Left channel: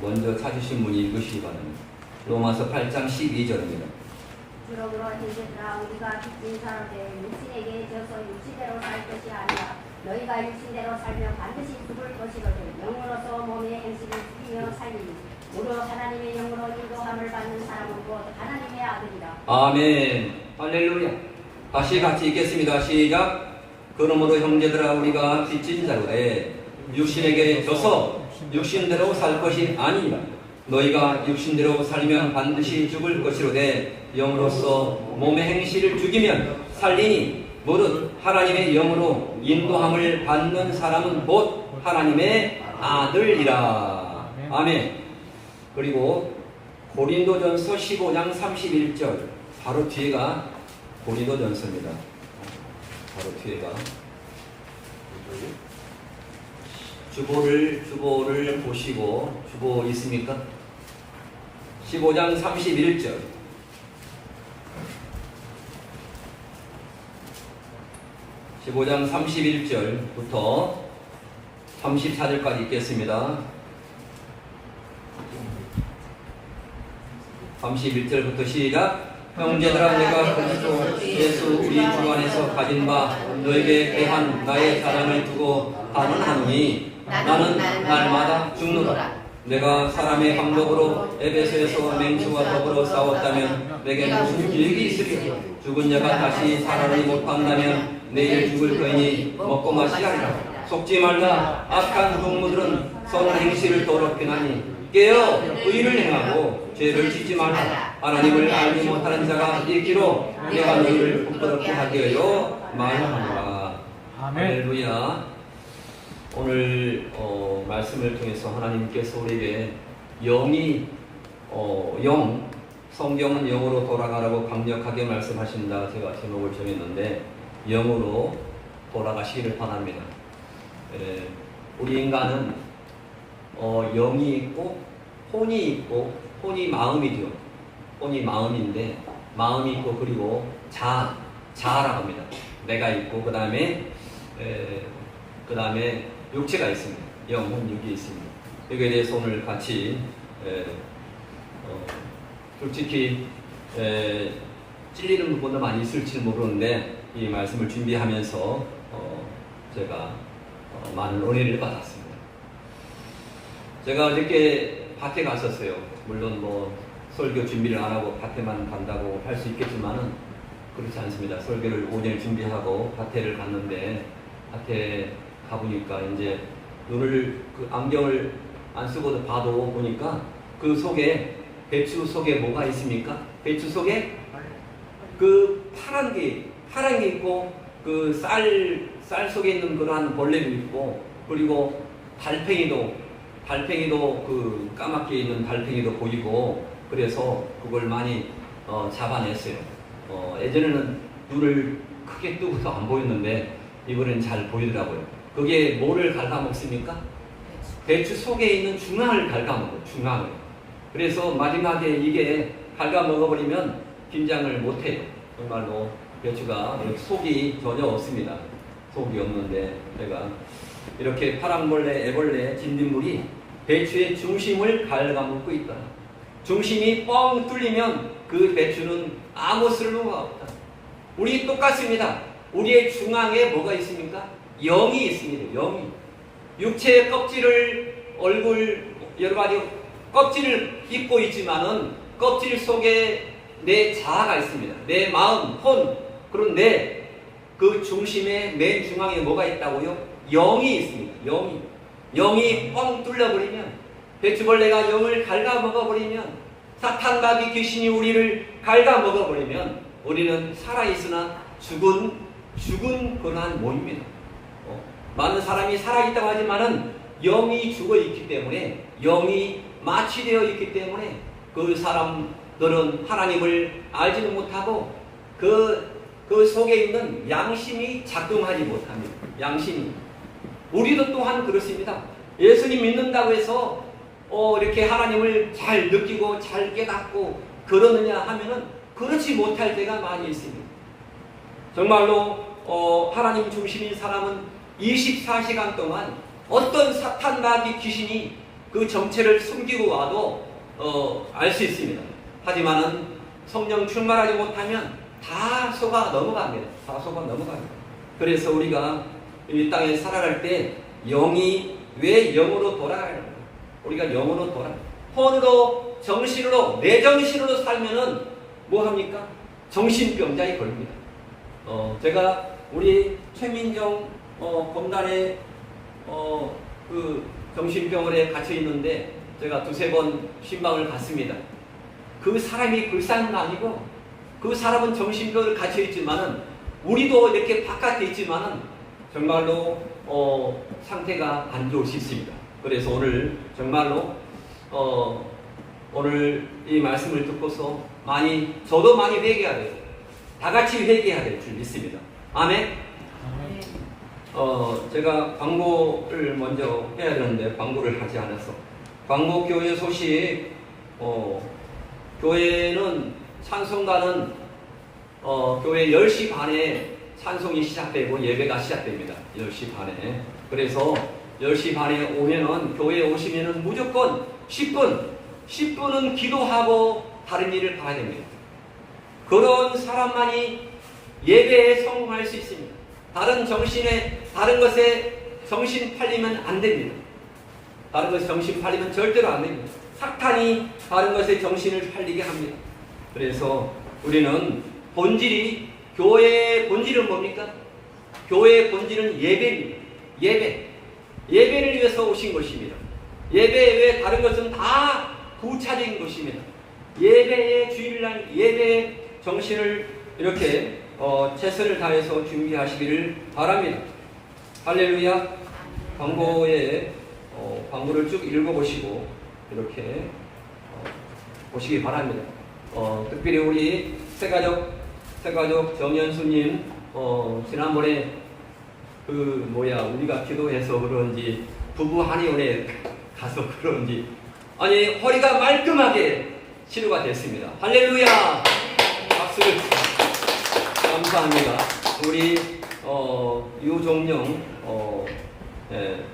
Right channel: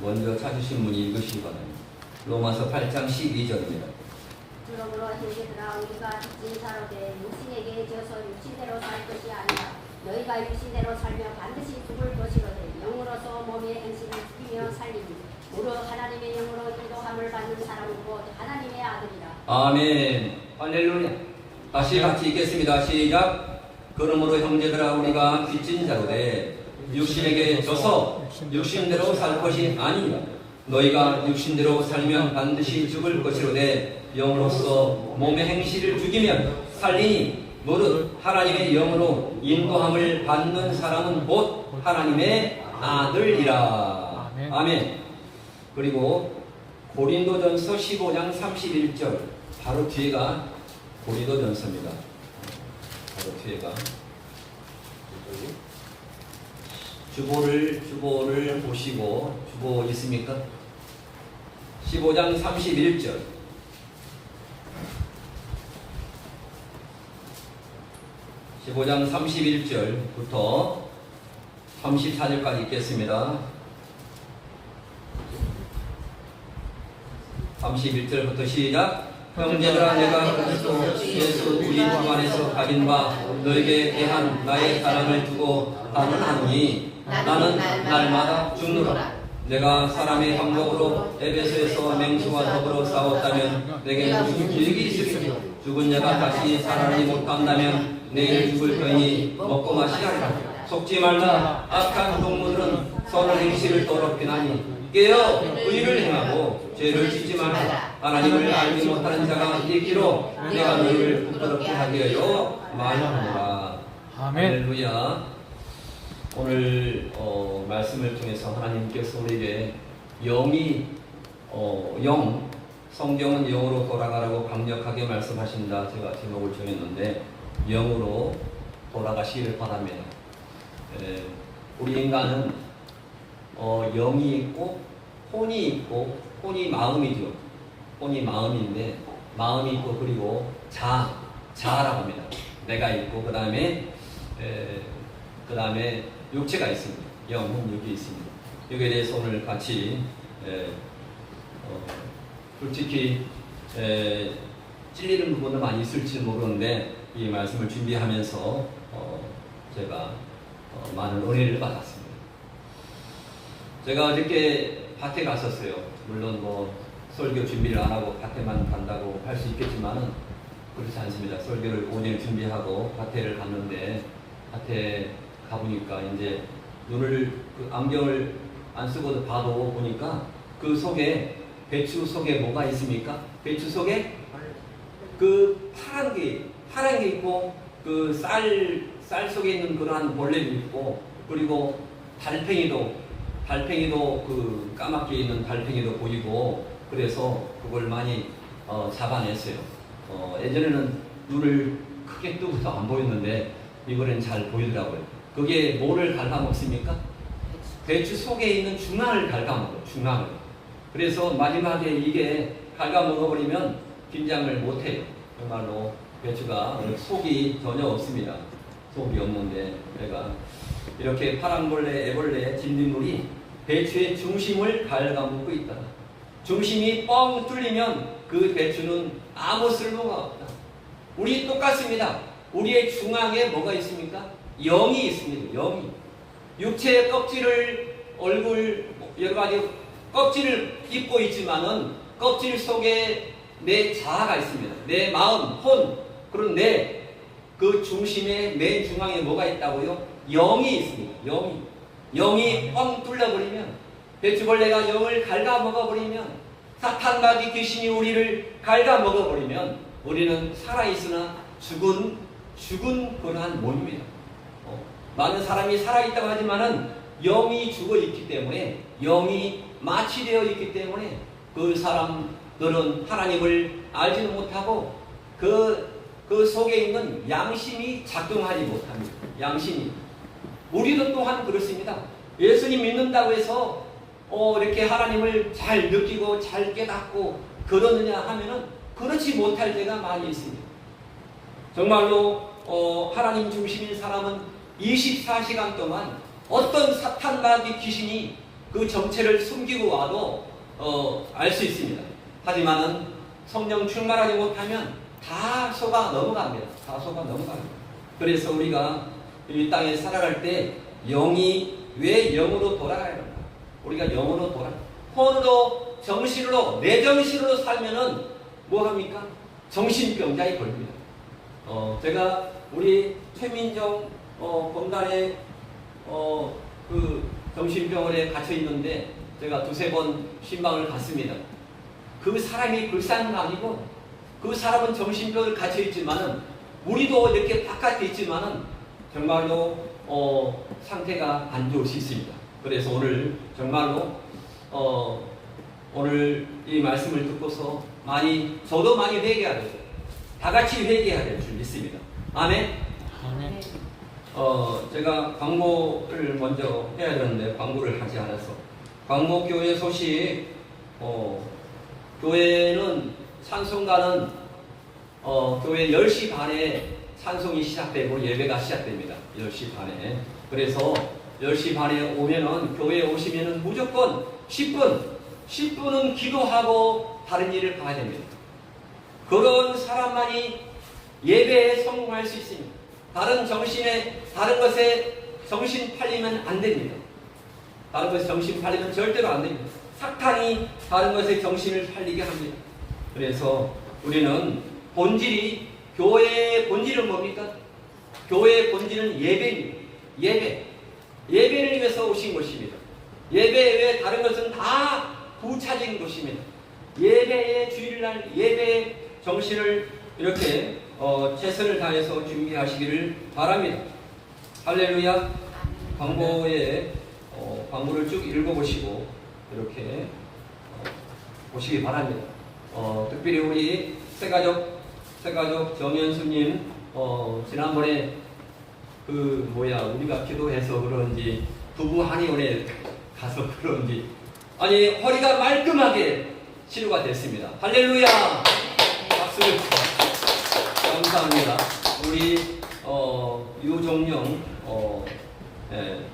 먼저 찾으신 분이 읽으시기 바랍니다. 로마서 8장 12절입니다. 그러므로 형제들아 우리가 빚진 사람의 육신에게 져서 육신대로 살 것이 아니라 너희가 육신대로 살며 반드시 죽을 것이거든 영으로서 몸의 행실을 지키며 살리니 무릇 하나님의 영으로 인도함을 받는 사람은 곧 하나님의 아들이라. 아멘. 할렐루야. 다시 같이 읽겠습니다. 시작. 그러므로 형제들아 우리가 빚진 자로되 육신에게 져서 육신대로 살 것이 아니라 너희가 육신대로 살면 반드시 죽을 것이로되 영으로서 몸의 행실을 죽이면 살리니 무릇 하나님의 영으로 인도함을 받는 사람은 곧 하나님의 아들이라. 아멘. 그리고 고린도전서 15장 31절 바로 뒤에가 고린도전서입니다. 바로 뒤에가 주보를 보시고 주보 있습니까? 15장 31절 15장 31절부터 34절까지 읽겠습니다. 31절부터 시작. 형제들아 내가 그리스도 예수 우리 주 안에서 가진 바 너에게 대한 나의 사랑을 두고 반응하노니 나는 날마다 죽노라. 내가 사람의 방법으로 에베소에서 맹수와 더불어 싸웠다면 내게는 죽을 일이 있으리니 죽은 자가 다시 살아나지 못한다면 내일 죽을 터이니 먹고 마시리라. 속지 말라. 악한 동무들은 선한 행실을 더럽히나니 깨어 의를 행하고 죄를 짓지 말라. 하나님을 알지 못하는 자가 있기로 내가 너희를 부끄럽게 하게 하여 말하노라. 할렐루야. 오늘 말씀을 통해서 하나님께서 우리에게 성경은 영으로 돌아가라고 강력하게 말씀하신다. 제가 제목을 정했는데 영으로 돌아가시기를 바랍니다. 우리 인간은 영이 있고 혼이 있고 혼이 마음이죠. 혼이 마음인데 마음이 있고 그리고 자아라고 합니다. 내가 있고 그 다음에 육체가 있습니다. 영은 여기 있습니다. 여기에 대해서 오늘 같이 솔직히 찔리는 부분은 많이 있을지 모르는데 이 말씀을 준비하면서 제가 많은 은혜를 받았습니다. 제가 어저께 밭에 갔었어요. 물론 설교 준비를 안 하고 밭에만 간다고 할 수 있겠지만은 그렇지 않습니다. 설교를 오전에 준비하고 밭에를 갔는데 밭에 가보니까 이제 안경을 안 쓰고도 봐도 보니까 그 속에 배추 속에 뭐가 있습니까? 배추 속에 그 파란 게 있고 그 쌀 속에 있는 그러한 벌레도 있고 그리고 달팽이도 그 까맣게 있는 달팽이도 보이고 그래서 그걸 많이 잡아냈어요. 예전에는 눈을 크게 뜨고도 안 보였는데 이번엔 잘 보이더라고요. 그게 뭐를 갉아먹습니까? 배추 속에 있는 중앙을 갉아먹어요. 중앙을. 그래서 마지막에 이게 갉아먹어버리면 김장을 못해요. 정말로 배추가 속이 전혀 없습니다. 속이 없는데 내가 이렇게 파랑벌레, 애벌레, 진딧물이 배추의 중심을 갉아먹고 있다. 중심이 뻥 뚫리면 그 배추는 아무 쓸모가 없다. 우리 똑같습니다. 우리의 중앙에 뭐가 있습니까? 영이 있습니다. 영이. 육체의 껍질을 얼굴 여러 가지 껍질을 입고 있지만은 껍질 속에 내 자아가 있습니다. 내 마음, 혼. 그럼 그 중심에 맨 중앙에 뭐가 있다고요? 영이 있습니다. 영이 뻥 뚫려버리면 배추벌레가 영을 갉아먹어버리면 사탄마귀 귀신이 우리를 갉아먹어버리면 우리는 살아있으나 죽은 그러한 몸입니다. 많은 사람이 살아있다고 하지만은 영이 죽어있기 때문에 영이 마취되어 있기 때문에 그 사람들은 하나님을 알지도 못하고 그 속에 있는 양심이 작동하지 못합니다. 양심이. 우리도 또한 그렇습니다. 예수님 믿는다고 해서 이렇게 하나님을 잘 느끼고 잘 깨닫고 그러느냐 하면은 그렇지 못할 때가 많이 있습니다. 정말로 하나님 중심인 사람은 24시간 동안 어떤 사탄마귀 귀신이 그 정체를 숨기고 와도 알 수 있습니다. 하지만 성령 충만하지 못하면 다 속아 넘어갑니다. 다 속아 넘어갑니다. 그래서 우리가 이 땅에 살아갈 때 영이 왜 영으로 돌아가야 합니까? 우리가 영으로 돌아. 혼으로 정신으로 내 정신으로 살면은 뭐 합니까? 정신병자에 걸립니다. 제가 우리 최민정 검단의 그 정신병원에 갇혀 있는데 제가 두세 번 신방을 갔습니다. 그 사람이 불쌍한 거 아니고 그 사람은 정신병을 갇혀 있지만은 우리도 이렇게 바깥에 있지만은 정말로 상태가 안 좋을 수 있습니다. 그래서 오늘 정말로 오늘 이 말씀을 듣고서 저도 많이 회개해야 돼요. 다 같이 회개해야 될 줄 믿습니다. 아멘. 아멘. 제가 광고를 먼저 해야 되는데 광고를 하지 않아서 광고 교회 소식 교회는 찬송가는 교회 10시 반에 찬송이 시작되고 예배가 시작됩니다. 10시 반에. 그래서 10시 반에 오면은 교회에 오시면은 무조건 10분은 기도하고 다른 일을 봐야 됩니다. 그런 사람만이 예배에 성공할 수 있습니다. 다른 것에 정신 팔리면 안 됩니다. 다른 것에 정신 팔리면 절대로 안 됩니다. 사탄이 다른 것에 정신을 팔리게 합니다. 그래서 우리는 교회의 본질은 뭡니까? 교회의 본질은 예배입니다. 예배를 위해서 오신 것입니다. 예배 외에 다른 것은 다 부차적인 것입니다. 예배의 주일날 예배의 정신을 이렇게 최선을 다해서 준비하시기를 바랍니다. 할렐루야. 광고를 쭉 읽어보시고 이렇게 보시기 바랍니다. 특별히 우리 새가족 정연수님 지난번에 우리가 기도해서 그런지 부부 한의원에 가서 그런지 허리가 말끔하게 치료가 됐습니다. 할렐루야. 박수를 감사합니다. 우리 유종영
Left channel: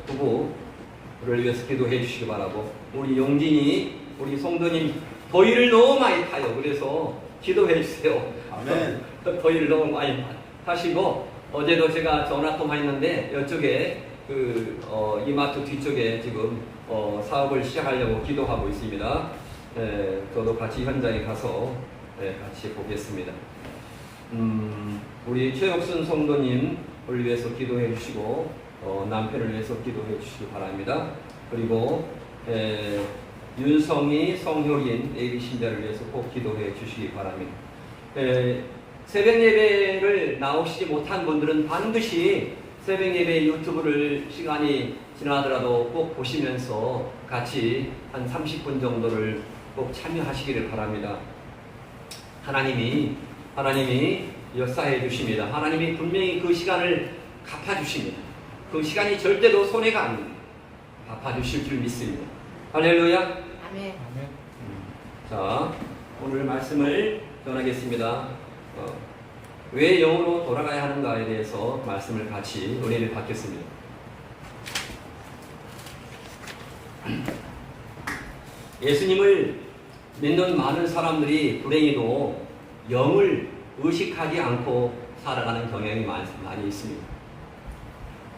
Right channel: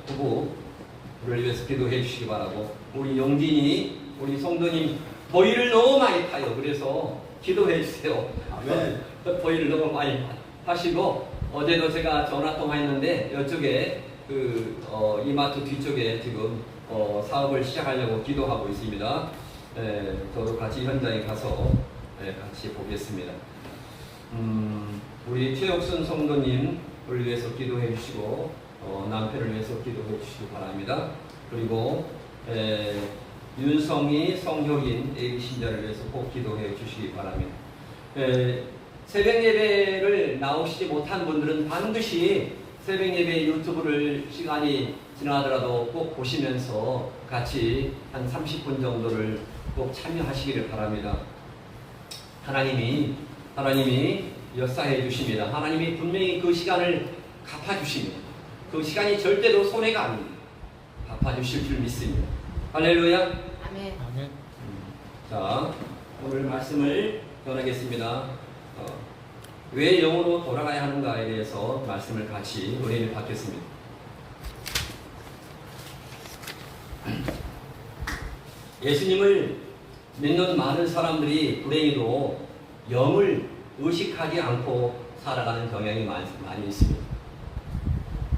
부부를 위해서 기도해 주시기 바라고, 우리 영진이 우리 송도님 더위를 너무 많이 타요. 그래서 기도해 주세요. 아멘. 더위를 너무 많이 타시고, 어제도 제가 전화 통화했는데 이쪽에 이마트 뒤쪽에 지금 사업을 시작하려고 기도하고 있습니다. 저도 같이 현장에 가서 같이 보겠습니다. 우리 최혁순 성도님을 위해서 기도해 주시고 남편을 위해서 기도해 주시기 바랍니다. 그리고 윤성희, 성효린, 예비 신자를 위해서 꼭 기도해 주시기 바랍니다. 새벽 예배를 나오시지 못한 분들은 반드시 새벽 예배 유튜브를 시간이 지나더라도 꼭 보시면서 같이 한 30분 정도를 꼭 참여하시기를 바랍니다. 하나님이 역사해 주십니다. 하나님이 분명히 그 시간을 갚아주십니다. 그 시간이 절대로 손해가 아닙니다. 갚아주실 줄 믿습니다. 할렐루야. 아멘. 아멘. 자, 오늘 말씀을 전하겠습니다. 왜 영으로 돌아가야 하는가에 대해서 말씀을 같이 은혜를 받겠습니다. 예수님을 믿는 많은 사람들이 불행히도 영을 의식하지 않고 살아가는 경향이 많이 있습니다.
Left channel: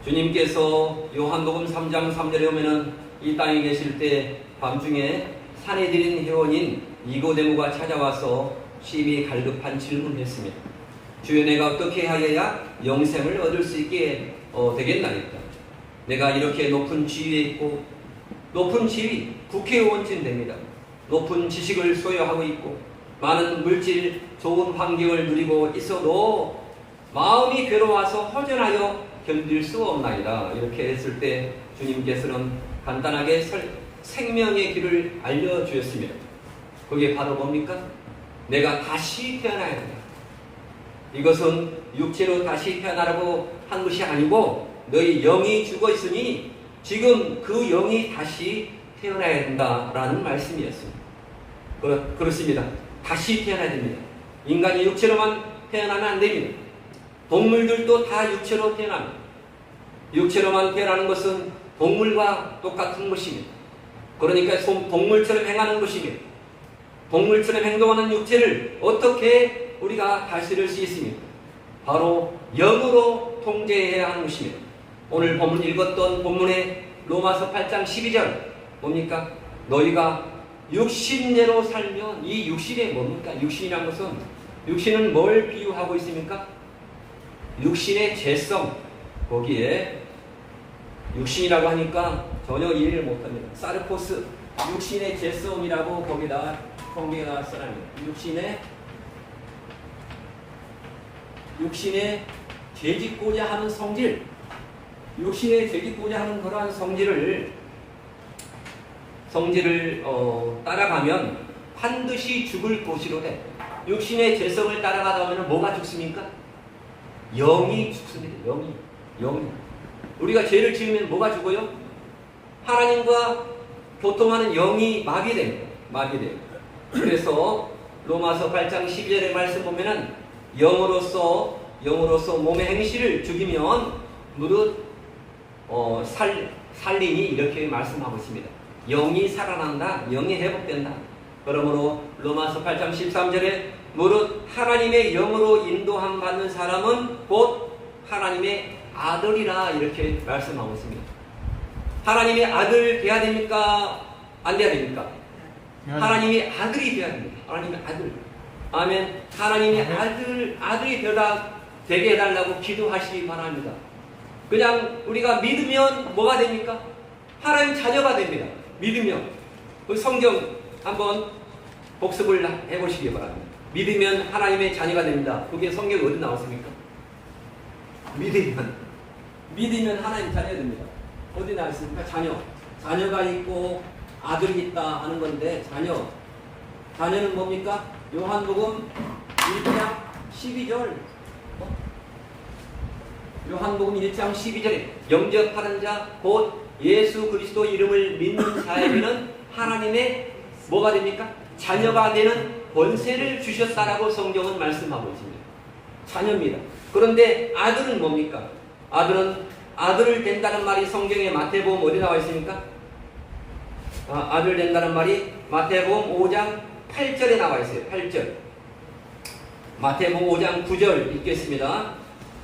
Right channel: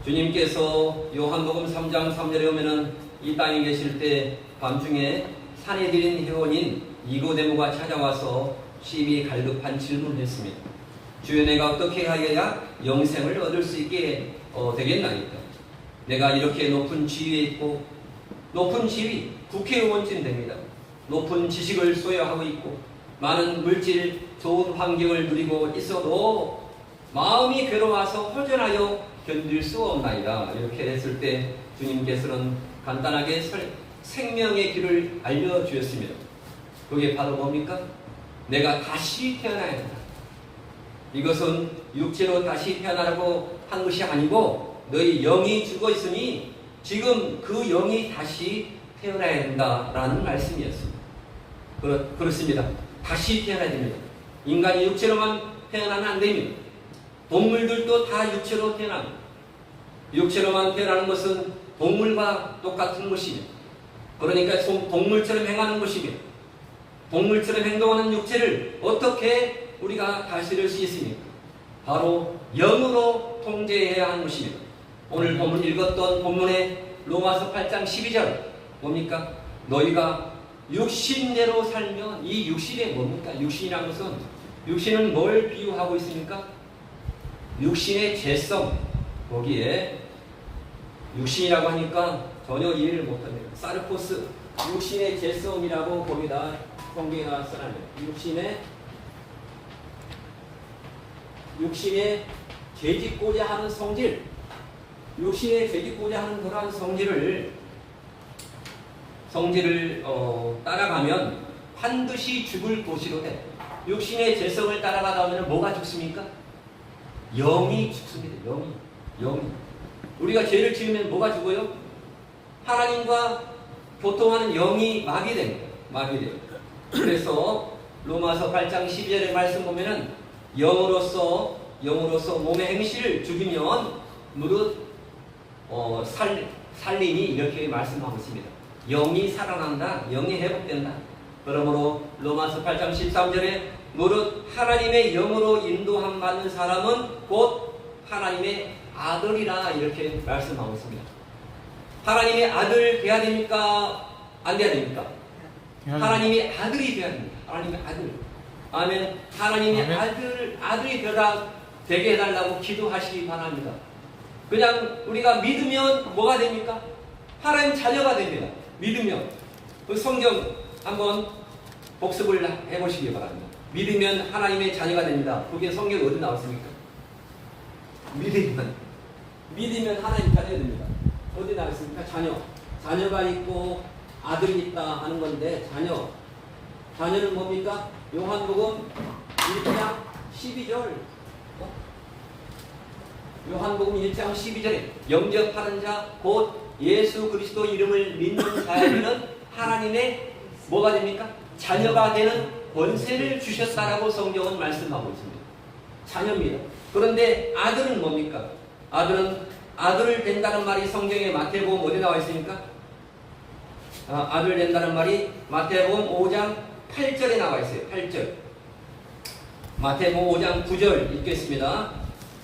주님께서 요한복음 3장 3절에 오면은 이 땅에 계실 때 밤중에 산헤드린 회원인 니고데모가 찾아와서 심히 갈급한 질문을 했습니다. 주여, 내가 어떻게 하여야 영생을 얻을 수 있게 되겠나이까? 내가 이렇게 높은 지위에 있고, 높은 지위, 국회의원쯤 됩니다. 높은 지식을 소유하고 있고 많은 물질 좋은 환경을 누리고 있어도 마음이 괴로워서 허전하여 견딜 수 없나이다. 이렇게 했을 때 주님께서는 간단하게 생명의 길을 알려주셨습니다. 그게 바로 뭡니까? 내가 다시 태어나야 된다. 이것은 육체로 다시 태어나라고 한 것이 아니고 너희 영이 죽어 있으니 지금 그 영이 다시 태어나야 된다라는 말씀이었습니다. 그렇습니다. 다시 태어나야 됩니다. 인간이 육체로만 태어나면 안 됩니다. 동물들도 다 육체로 태어납니다. 육체로만 태어나는 것은 동물과 똑같은 것입니다. 그러니까 동물처럼 행하는 것이며 동물처럼 행동하는 육체를 어떻게 우리가 다스릴 수 있습니까? 바로 영으로 통제해야 하는 것이며 오늘 본문 읽었던 본문의 로마서 8장 12절 뭡니까? 너희가 육신대로 살면 이 육신이 뭡니까? 육신이라는 것은 육신은 뭘 비유하고 있습니까? 육신의 죄성 거기에 육신이라고 하니까 전혀 이해를 못합니다. 사르코스 육신의 죄성이라고 거기다 성경에 나왔어요. 육신의 죄짓고자 하는 성질, 육신의 죄짓고자 하는 그러한 성질을 따라가면 반드시 죽을 것이로 해. 육신의 죄성을 따라가다 보면 뭐가 죽습니까? 영이 죽습니다. 영이. 우리가 죄를 지으면 뭐가 죽어요? 하나님과 교통하는 영이 마비됩니다. 그래서 로마서 8장 12절의 말씀 보면은 영으로서 몸의 행실을 죽이면 무릇 살리니 이렇게 말씀하고 있습니다. 영이 살아난다. 영이 회복된다. 그러므로 로마서 8장 13절에 무릇 하나님의 영으로 인도함 받는 사람은 곧 하나님의 아들이라 이렇게 말씀하고 있습니다. 하나님의 아들 돼야 됩니까? 안 돼야 됩니까? 하나님의 아들이 돼야 됩니다. 하나님의 아들. 아멘. 하나님의 아들이 되게 해달라고 기도하시기 바랍니다. 그냥 우리가 믿으면 뭐가 됩니까? 하나님 자녀가 됩니다. 믿으면. 그 성경 한번 복습을 해보시기 바랍니다. 믿으면 하나님의 자녀가 됩니다. 그게 성경에 어디 나왔습니까? 믿으면 하나님 자녀가 됩니다. 어디 나왔습니까? 자녀가 있고 아들이 있다 하는 건데 자녀는 뭡니까? 요한복음 1장 12절 요한복음 1장 12절에 영접하는 자 곧 예수 그리스도 이름을 믿는 자에게는 하나님의 뭐가 됩니까? 자녀가 되는 권세를 주셨다라고 성경은 말씀하고 있습니다. 자녀입니다. 그런데 아들은 뭡니까? 아들을 된다는 말이 성경에 마태복음 어디 나와 있습니까? 아들 된다는 말이 마태복음 5장 8절에 나와 있어요. 8절. 마태복음 5장 9절 읽겠습니다.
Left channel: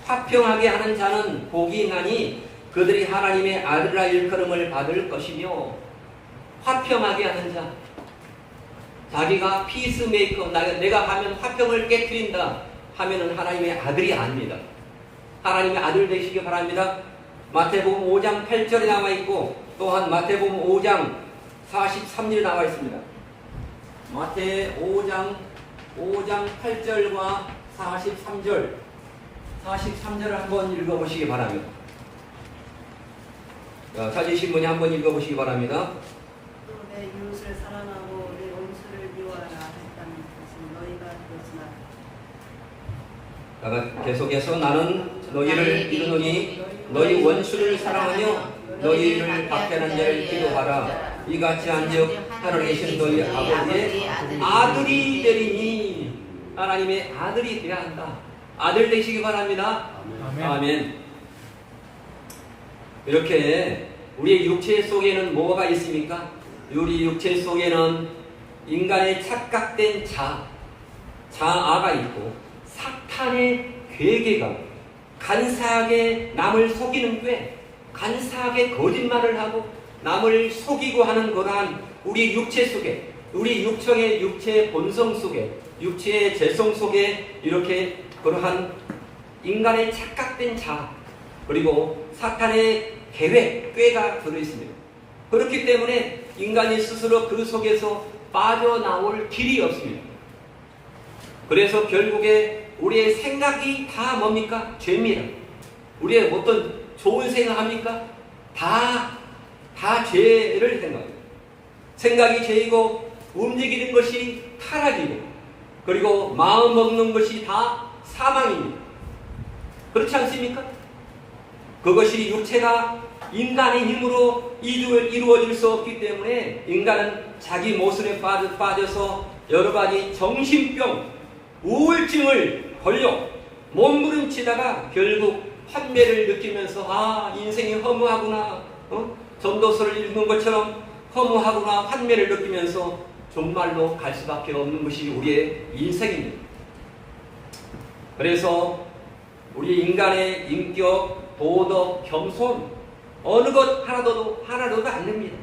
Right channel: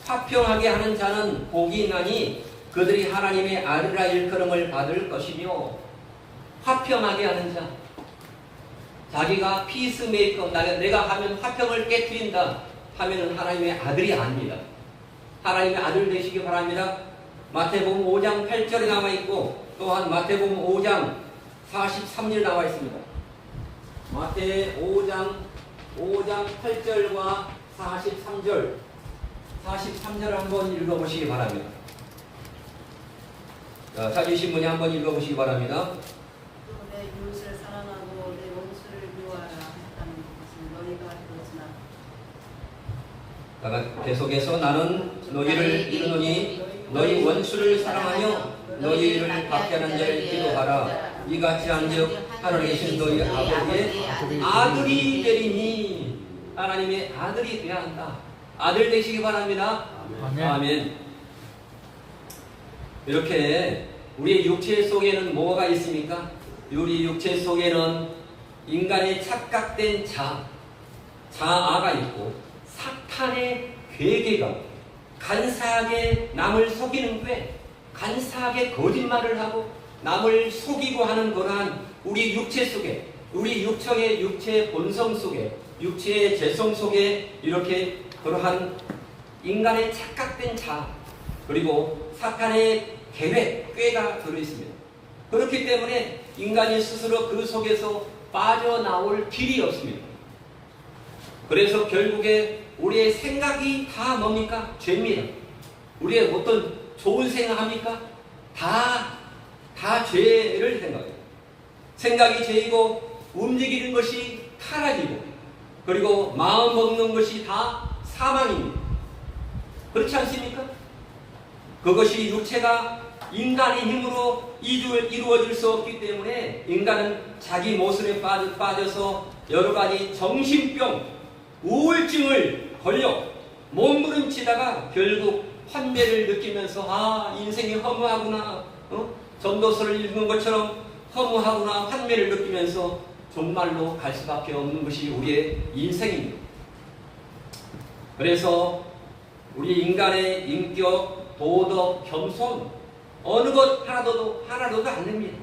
화평하게 하는 자는 복이 있나니 그들이 하나님의 아들이라 일컬음을 받을 것이며 화평하게 하는 자 자기가 피스메이커 내가 하면 화평을 깨트린다 하면은 하나님의 아들이 아닙니다. 하나님의 아들 되시기 바랍니다. 마태복음 5장 8절에 나와 있고 또한 마태복음 5장 43절 나와 있습니다. 마태 5장 8절과 43절을 한번 읽어보시기 바랍니다. 찾으신 분이 한번 읽어보시기 바랍니다. 또 내 이웃을 사랑하고 내 원수를 미워하라 했다는 것은 너희가 그렇으나 계속해서 나는 너희를 이루노니 너희 원수를 사랑하며 너희를 박해하는 자를 기도하라. 이같이 한즉 하늘에 계신 너희 아버지의 아들이 되리니 하나님의 아들이 되어야 한다. 아들 되시기 바랍니다. 아멘. 이렇게 우리의 육체 속에는 뭐가 있습니까? 우리 육체 속에는 인간의 착각된 자아가 있고 사탄의 괴계가 간사하게 남을 속이는 꾀, 간사하게 거짓말을 하고 남을 속이고 하는 그러한 우리 육체 속에, 우리 육체 본성 속에, 육체의 재성 속에 이렇게 그러한 인간의 착각된 그리고 사탄의 계획, 꾀가 들어있습니다. 그렇기 때문에 인간이 스스로 그 속에서 빠져나올 길이 없습니다. 그래서 결국에 우리의 생각이 다 뭡니까? 죄입니다. 우리의 어떤 좋은 생각합니까? 다 죄를 생각해요. 생각이 죄이고 움직이는 것이 타락이고 그리고 마음 먹는 것이 다 사망입니다. 그렇지 않습니까? 그것이 육체가 인간의 힘으로 이루어질 수 없기 때문에 인간은 자기 모습에 빠져서 여러 가지 정신병, 우울증을 걸려 몸부림치다가 결국 환멸을 느끼면서 인생이 허무하구나. 전도서를 읽는 것처럼 허무하거나 환멸을 느끼면서 정말로 갈 수밖에 없는 것이 우리의 인생입니다. 그래서 우리 인간의 인격, 도덕, 겸손 어느 것 하나도 안 됩니다.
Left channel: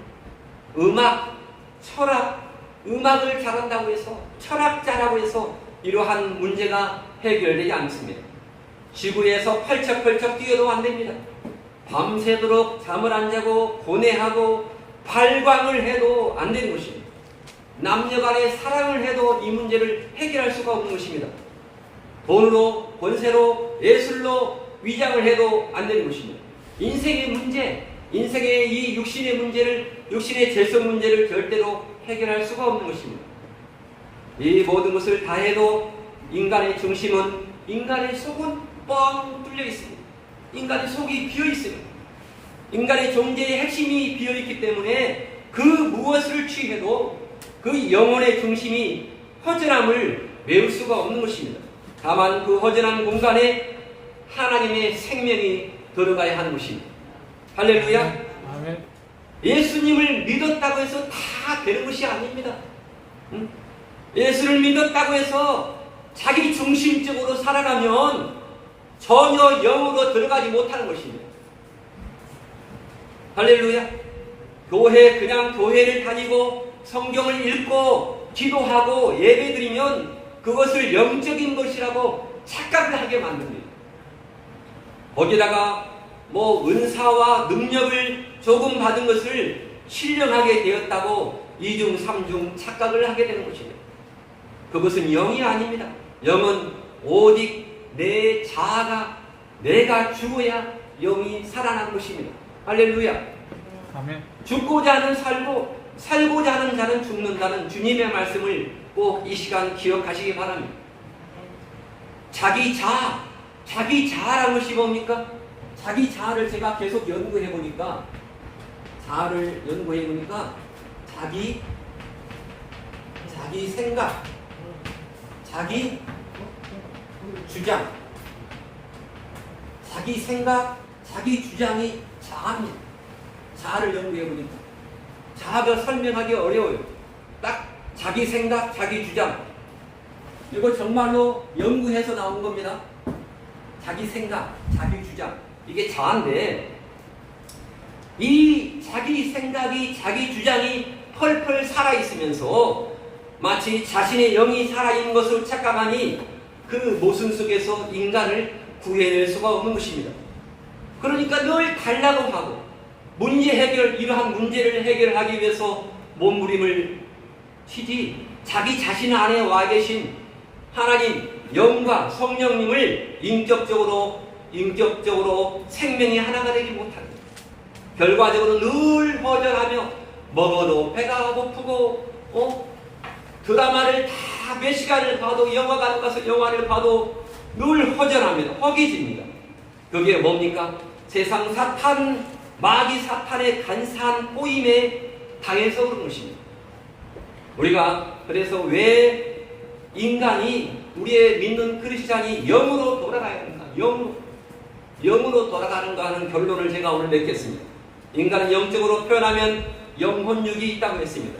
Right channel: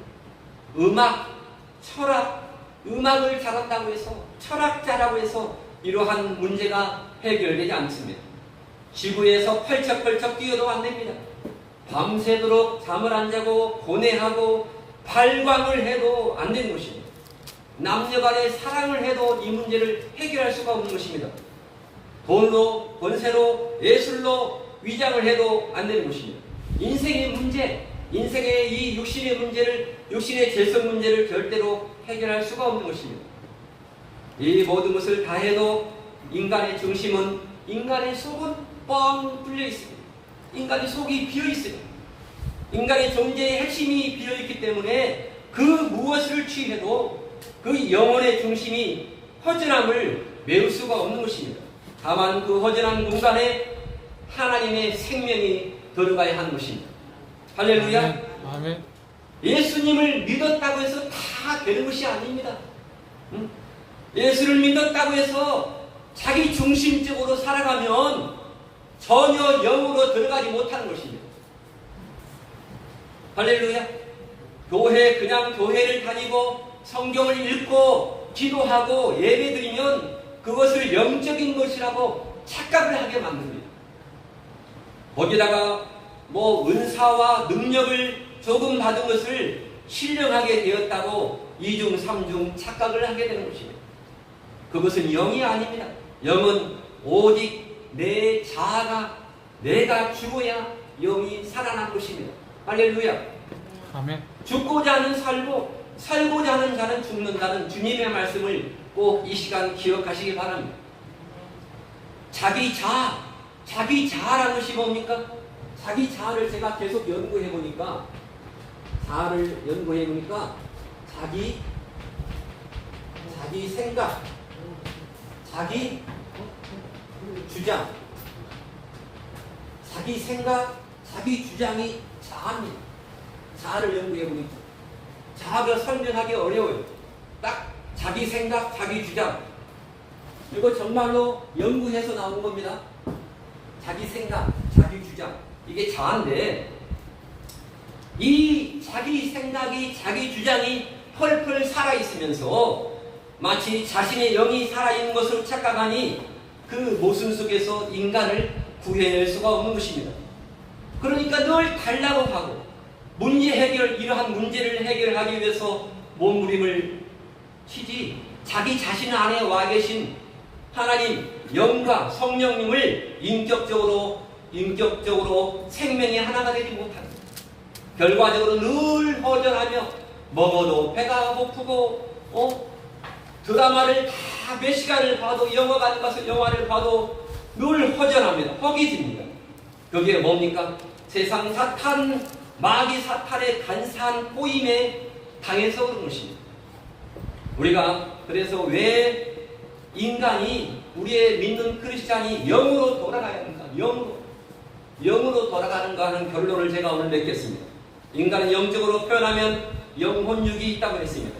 음악, 철학, 음악을 잘한다고 해서 철학자라고 해서 이러한 문제가 해결되지 않습니다. 지구에서 펄쩍펄쩍 뛰어도 안 됩니다. 밤새도록 잠을 안 자고 고뇌하고 발광을 해도 안 되는 것입니다. 남녀 간의 사랑을 해도 이 문제를 해결할 수가 없는 것입니다. 돈으로, 권세로, 예술로 위장을 해도 안 되는 것입니다. 인생의 문제, 인생의 이 육신의 문제를, 육신의 재성 문제를 절대로 해결할 수가 없는 것입니다. 이 모든 것을 다 해도 인간의 중심은, 인간의 속은 뻥 뚫려 있습니다. 인간의 속이 비어 있습니다. 인간의 존재의 핵심이 비어 있기 때문에 그 무엇을 취해도 그 영혼의 중심이 허전함을 메울 수가 없는 것입니다. 다만 그 허전한 공간에 하나님의 생명이 들어가야 하는 것입니다. 할렐루야. 아멘. 예수님을 믿었다고 해서 다 되는 것이 아닙니다. 예수를 믿었다고 해서 자기 중심적으로 살아가면 전혀 영으로 들어가지 못하는 것입니다. 할렐루야. 그냥 교회를 다니고 성경을 읽고 기도하고 예배드리면 그것을 영적인 것이라고 착각을 하게 만듭니다. 거기다가 은사와 능력을 조금 받은 것을 신령하게 되었다고 2중 3중 착각을 하게 되는 것입니다. 그것은 영이 아닙니다. 영은 오직 내 자아가, 내가 죽어야 영이 살아난 것입니다. 할렐루야. 아멘. 죽고자 하는 살고, 살고자 하는 자는 죽는다는 주님의 말씀을 꼭 이 시간 기억하시기 바랍니다. 자기 자아라는 것이 뭡니까? 자기 자아를 제가 계속 연구해 보니까, 자기 생각, 자기 주장, 자기 생각, 자기 주장이 자아입니다. 자아를 연구해 보니까 자아가 설명하기 어려워요. 딱 자기 생각, 자기 주장. 이거 정말로 연구해서 나온 겁니다. 자기 생각, 자기 주장. 이게 자아인데, 이 자기 생각이, 자기 주장이 펄펄 살아있으면서 마치 자신의 영이 살아있는 것으로 착각하니 그 모순 속에서 인간을 구해낼 수가 없는 것입니다. 그러니까 늘 달라고 하고 이러한 문제를 해결하기 위해서 몸부림을 치지, 자기 자신 안에 와 계신 하나님, 영과 성령님을 인격적으로 생명이 하나가 되지 못합니다. 결과적으로 늘 허전하며 먹어도 배가 고프고 드라마를 다 몇 시간을 봐도, 영화관 가서 영화를 봐도 늘 허전합니다. 허기집니다. 그게 뭡니까? 세상 사탄, 마귀 사탄의 간사한 꼬임에 당해서 그런 것입니다. 우리가 그래서 왜 인간이, 우리의 믿는 크리스찬이 영으로 돌아가야 합니까? 영으로 돌아가는가 하는 결론을 제가 오늘 맺겠습니다. 인간은 영적으로 표현하면 영혼육이 있다고 했습니다.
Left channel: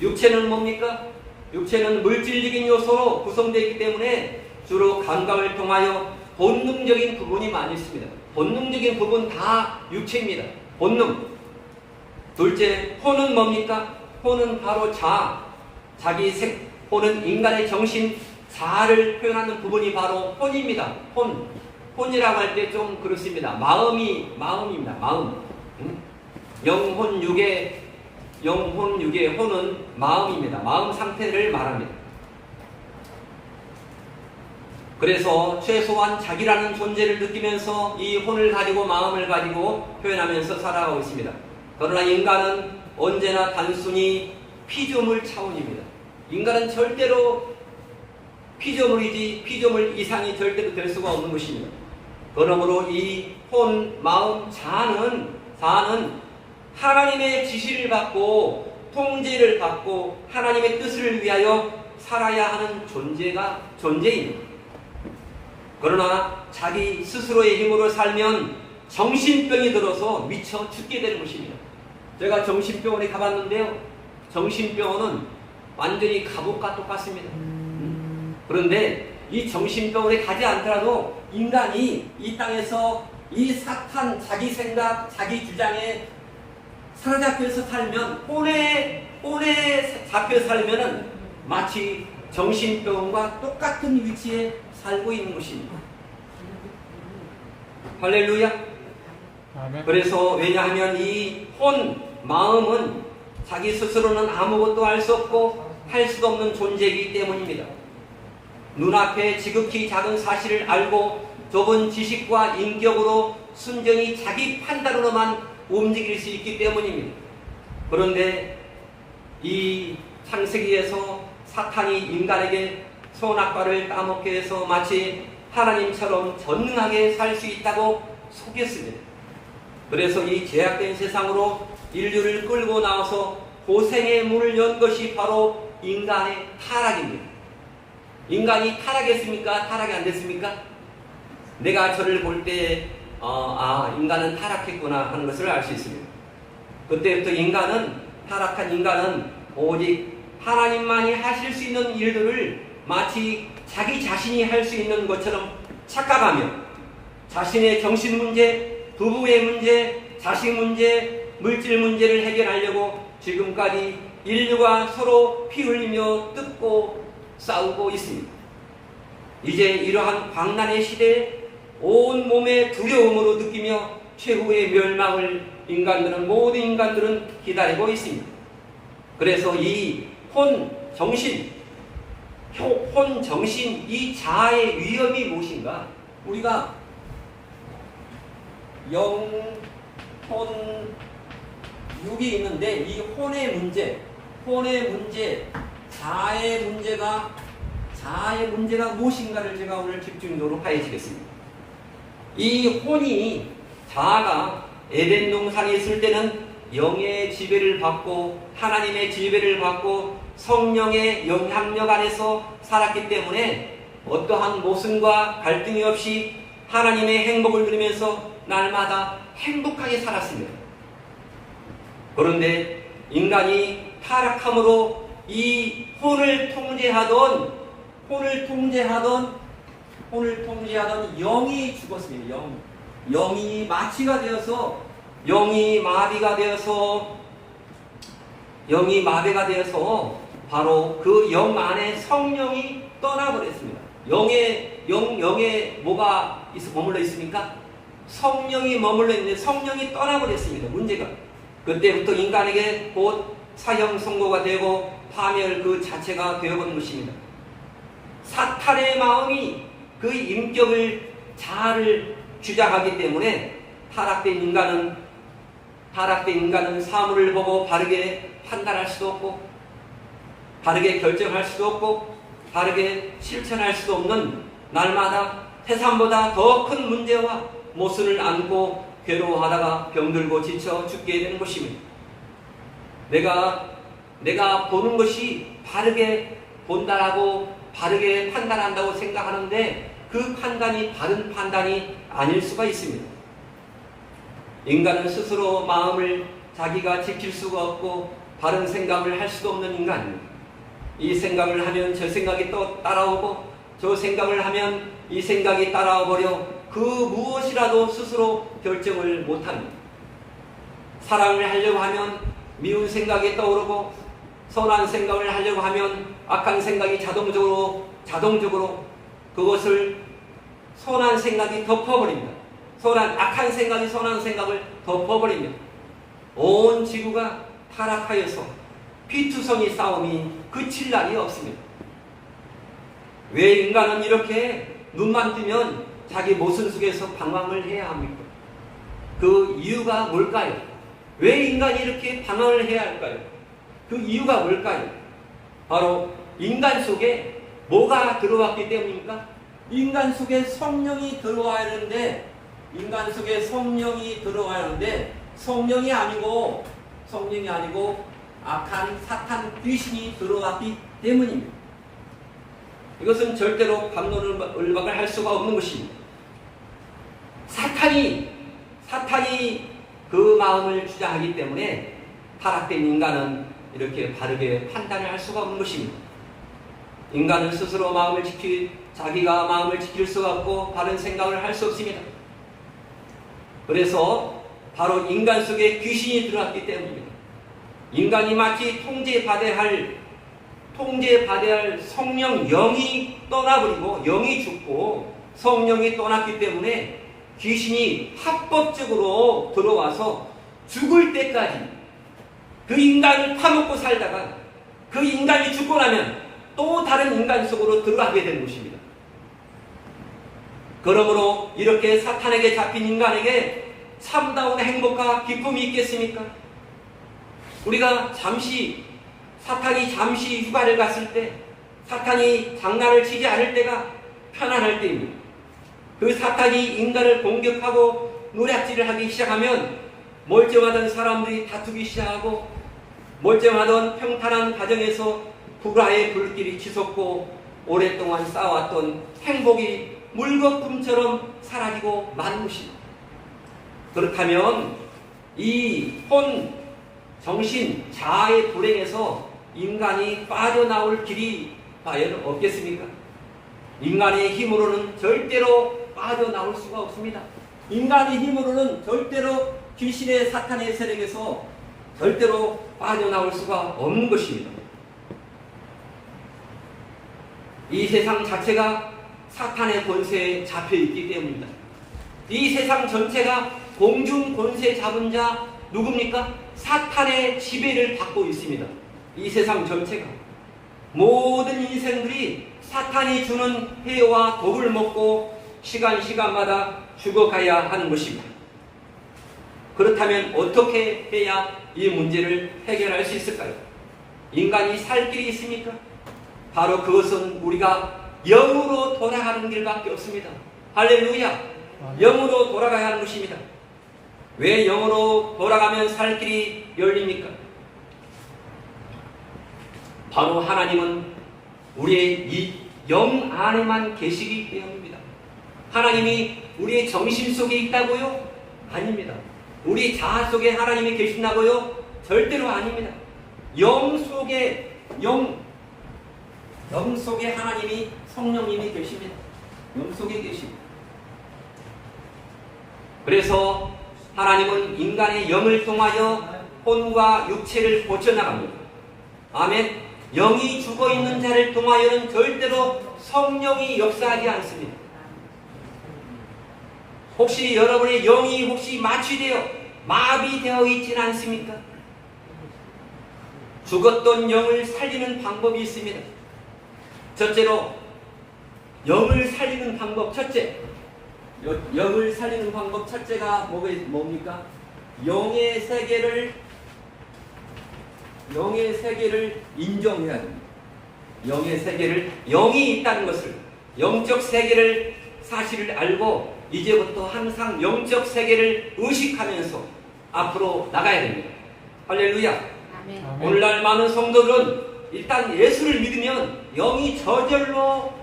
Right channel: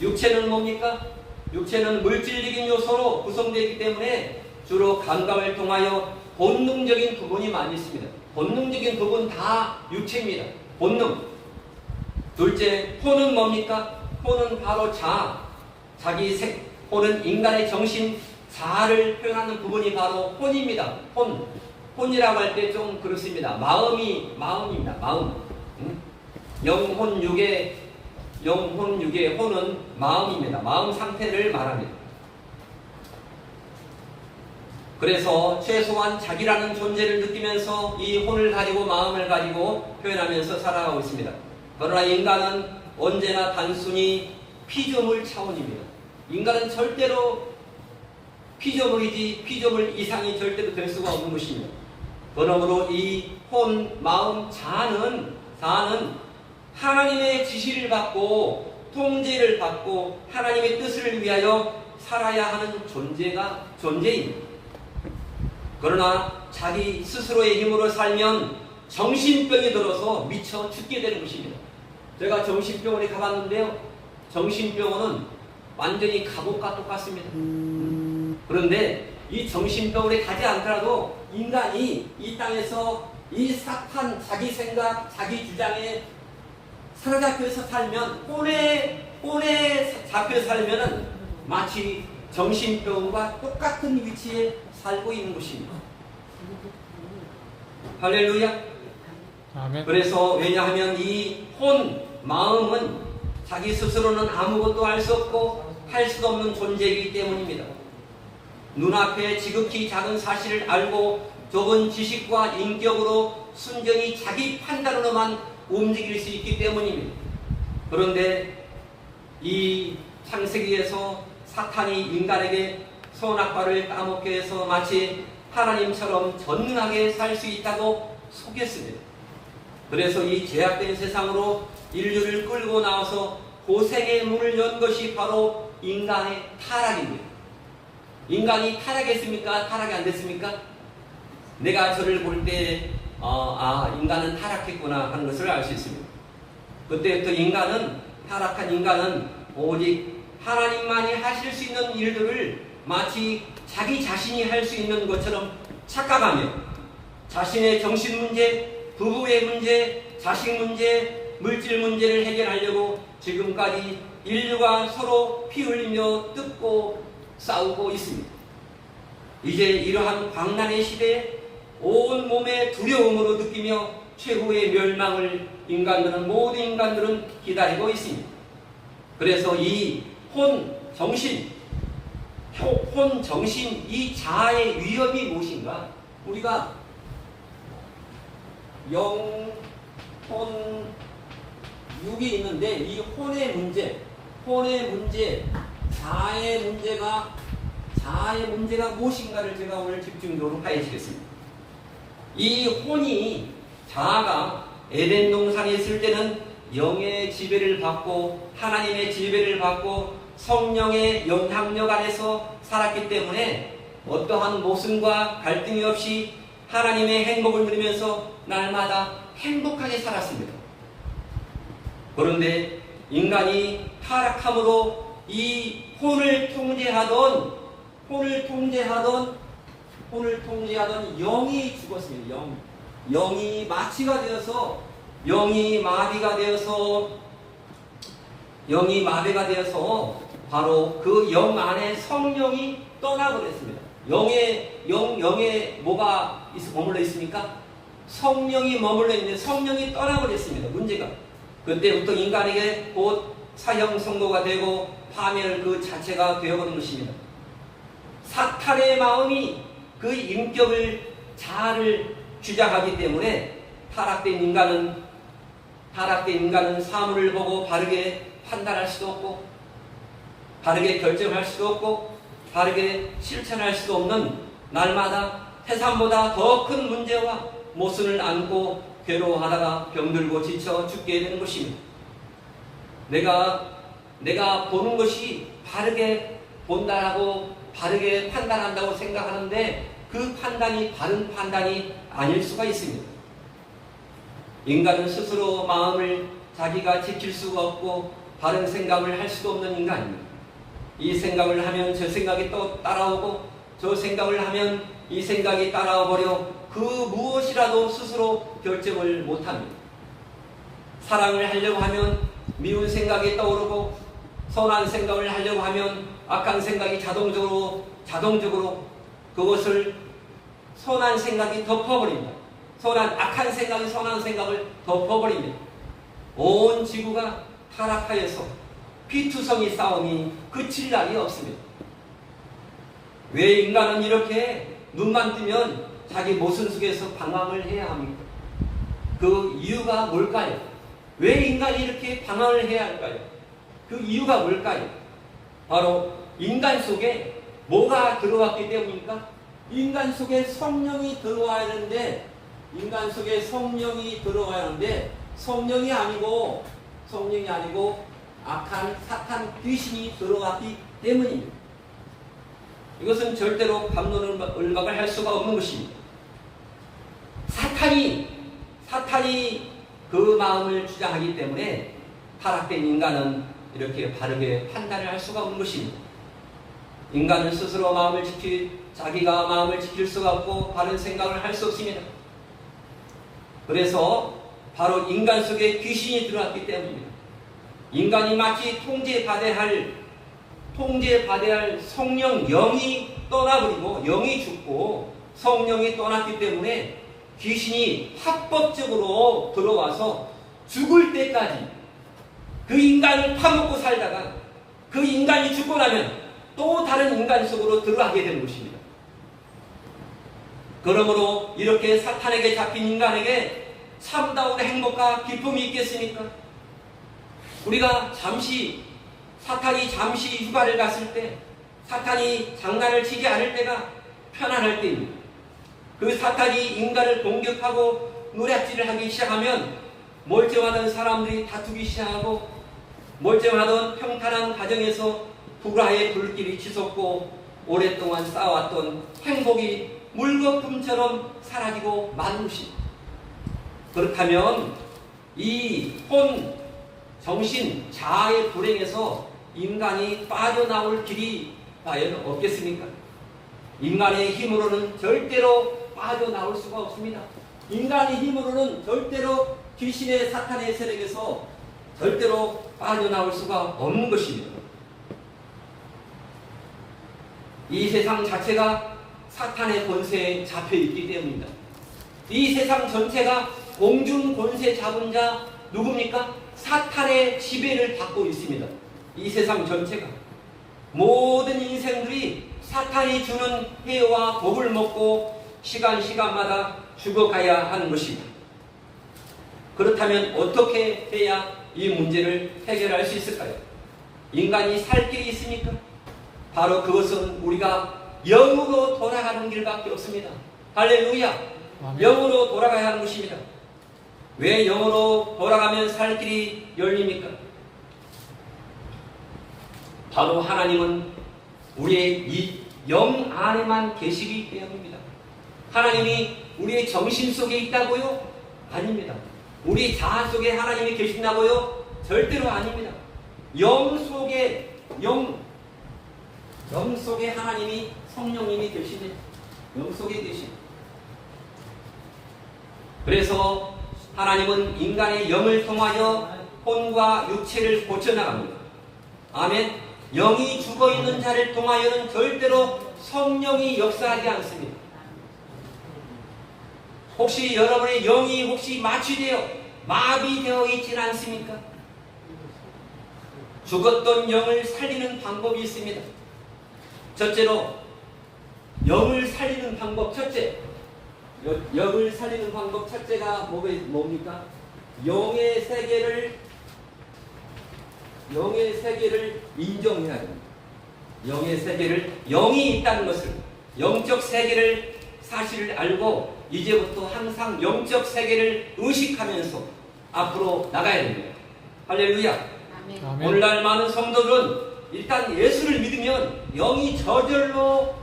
육체는 뭡니까? 육체는 물질적인 요소로 구성되어 있기 때문에 주로 감각을 통하여 본능적인 부분이 많이 있습니다. 본능적인 부분 다 육체입니다. 본능. 둘째, 혼은 뭡니까? 혼은 바로 자아. 혼은 인간의 정신, 자아를 표현하는 부분이 바로 혼입니다. 혼이라고 할 때 좀 그렇습니다. 마음입니다. 마음. 영혼육의 혼은 마음입니다. 마음 상태를 말합니다. 그래서 최소한 자기라는 존재를 느끼면서 이 혼을 가지고, 마음을 가지고 표현하면서 살아가고 있습니다. 그러나 인간은 언제나 단순히 피조물 차원입니다. 인간은 절대로 피조물이지 피조물 이상이 절대로 될 수가 없는 것입니다. 그러므로 이 혼, 마음, 자아는 하나님의 지시를 받고 통제를 받고 하나님의 뜻을 위하여 살아야 하는 존재입니다. 그러나 자기 스스로의 힘으로 살면 정신병이 들어서 미쳐 죽게 되는 것입니다. 제가 정신병원에 가봤는데요. 정신병원은 완전히 감옥과 똑같습니다. 그런데 이 정신병원에 가지 않더라도 인간이 이 땅에서 이 사탄, 자기 생각, 자기 주장에 사로잡혀서 살면, 혼에 잡혀 살면은 마치 정신병원과 똑같은 위치에 살고 있는 것입니다. 할렐루야. 아멘. 그래서 왜냐하면 이 마음은 자기 스스로는 아무것도 할 수 없고 할 수도 없는 존재이기 때문입니다. 눈앞에 지극히 작은 사실을 알고 좁은 지식과 인격으로 순전히 자기 판단으로만 움직일 수 있기 때문입니다. 그런데 이 창세기에서 사탄이 인간에게 선악과를 따먹게 해서 마치 하나님처럼 전능하게 살 수 있다고 속였습니다. 그래서 이 죄악된 세상으로 인류를 끌고 나와서 고생의 문을 연 것이 바로 인간의 타락입니다. 인간이 타락했습니까? 타락이 안 됐습니까? 내가 저를 볼 때 인간은 타락했구나 하는 것을 알 수 있습니다. 그때부터 타락한 인간은 오직 하나님만이 하실 수 있는 일들을 마치 자기 자신이 할 수 있는 것처럼 착각하며 자신의 정신 문제, 부부의 문제, 자식 문제, 물질 문제를 해결하려고 지금까지 인류가 서로 피 흘리며 뜯고 싸우고 있습니다. 이제 이러한 광란의 시대에 온 몸의 두려움으로 느끼며 최후의 멸망을 모든 인간들은 기다리고 있습니다. 그래서 이 혼정신, 이 자아의 위험이 무엇인가? 우리가 영, 혼, 육이 있는데 이 혼의 문제, 자아의 문제가 무엇인가를 제가 오늘 집중적으로 파헤치겠습니다. 이 혼이, 자아가 에덴 동산에 있을 때는 영의 지배를 받고 하나님의 지배를 받고 성령의 영향력 안에서 살았기 때문에 어떠한 모순과 갈등이 없이 하나님의 행복을 누리면서 날마다 행복하게 살았습니다. 그런데 인간이 타락함으로 이 혼을 통제하던 영이 죽었습니다. 영이 마취가 되어서 마비가 되어서 바로 그 영 안에 성령이 떠나버렸습니다. 영에 뭐가 머물러 있습니까? 성령이 머물러 있는데 성령이 떠나버렸습니다. 문제가. 그때부터 인간에게 곧 사형 선고가 되고 파멸 그 자체가 되어버린 것입니다. 사탄의 마음이 그 인격을, 자아를 주장하기 때문에 타락된 인간은 사물을 보고 바르게 판단할 수도 없고 바르게 결정할 수도 없고 바르게 실천할 수도 없는 날마다 태산보다 더 큰 문제와 모순을 안고 괴로워하다가 병들고 지쳐 죽게 되는 것입니다. 내가 보는 것이 바르게 본다라고 바르게 판단한다고 생각하는데 그 판단이 바른 판단이 아닐 수가 있습니다. 인간은 스스로 마음을 자기가 지킬 수가 없고 바른 생각을 할 수도 없는 인간입니다. 이 생각을 하면 저 생각이 또 따라오고 저 생각을 하면 이 생각이 따라와 버려 그 무엇이라도 스스로 결정을 못합니다. 사랑을 하려고 하면 미운 생각이 떠오르고 선한 생각을 하려고 하면 악한 생각이 자동적으로 그것을 선한 생각이 덮어버립니다. 악한 생각이 선한 생각을 덮어버립니다. 온 지구가 타락하여서 피투성이 싸움이 그칠 날이 없습니다. 왜 인간은 이렇게 눈만 뜨면 자기 모순 속에서 방황을 해야 합니까? 그 이유가 뭘까요? 왜 인간이 이렇게 방황을 해야 할까요? 그 이유가 뭘까요? 바로 인간 속에 뭐가 들어왔기 때문입니까? 인간 속에 성령이 들어와야 하는데 성령이 아니고 악한 사탄 귀신이 들어왔기 때문입니다. 이것은 절대로 반론을 할 수가 없는 것입니다. 사탄이 그 마음을 주장하기 때문에 타락된 인간은 이렇게 바르게 판단을 할 수가 없는 것입니다. 인간은 스스로 자기가 마음을 지킬 수가 없고 바른 생각을 할 수 없습니다. 그래서 바로 인간 속에 귀신이 들어왔기 때문입니다. 인간이 마치 통제받아야 할 성령 영이 떠나버리고 영이 죽고 성령이 떠났기 때문에 귀신이 합법적으로 들어와서 죽을 때까지 그 인간을 파먹고 살다가 그 인간이 죽고 나면 또 다른 인간 속으로 들어가게 되는 것입니다. 그러므로 이렇게 사탄에게 잡힌 인간에게 참다운 행복과 기쁨이 있겠습니까? 우리가 사탄이 잠시 휴가를 갔을 때, 사탄이 장난을 치지 않을 때가 편안할 때입니다. 그 사탄이 인간을 공격하고 노략질을 하기 시작하면 멀쩡하던 사람들이 다투기 시작하고 멀쩡하던 평탄한 가정에서 불화의 불길이 치솟고 오랫동안 쌓아왔던 행복이 물거품처럼 사라지고 마는 것입니다. 그렇다면 이 정신, 자아의 불행에서 인간이 빠져나올 길이 과연 없겠습니까? 인간의 힘으로는 절대로 빠져나올 수가 없습니다. 인간의 힘으로는 절대로 귀신의 사탄의 세력에서 절대로 빠져나올 수가 없는 것입니다. 이 세상 자체가 사탄의 권세에 잡혀있기 때문입니다. 이 세상 전체가 공중 권세 잡은 자 누굽니까? 사탄의 지배를 받고 있습니다. 이 세상 전체가 모든 인생들이 사탄이 주는 해와 독을 먹고 시간마다 죽어가야 하는 것입니다. 그렇다면 어떻게 해야 이 문제를 해결할 수 있을까요? 인간이 살 길이 있습니까? 바로 그것은 우리가 영으로 돌아가는 길밖에 없습니다. 할렐루야! 영으로 돌아가야 하는 것입니다. 왜 영으로 돌아가면 살 길이 열립니까? 바로 하나님은 우리의 이 영 안에만 계시기 때문입니다. 하나님이 우리의 정신 속에 있다고요? 아닙니다. 우리 자아 속에 하나님이 계신다고요? 절대로 아닙니다. 영 속에 하나님이 성령님이 계십니다. 영 속에 계십니다. 그래서 하나님은 인간의 영을 통하여 혼과 육체를 고쳐나갑니다. 아멘. 영이 죽어있는 자를 통하여는 절대로 성령이 역사하지 않습니다. 혹시 여러분의 영이 마비되어 있지는 않습니까? 죽었던 영을 살리는 방법이 있습니다. 첫째로 영을 살리는 방법 영을 살리는 방법 첫째가 뭡니까? 영의 세계를 인정해야 됩니다. 영의 세계를, 영이 있다는 것을, 영적 세계를 사실을 알고 이제부터 항상 영적 세계를 의식하면서 앞으로 나가야 됩니다. 할렐루야. 아멘. 오늘날 많은 성도들은 일단 예수를 믿으면 영이 저절로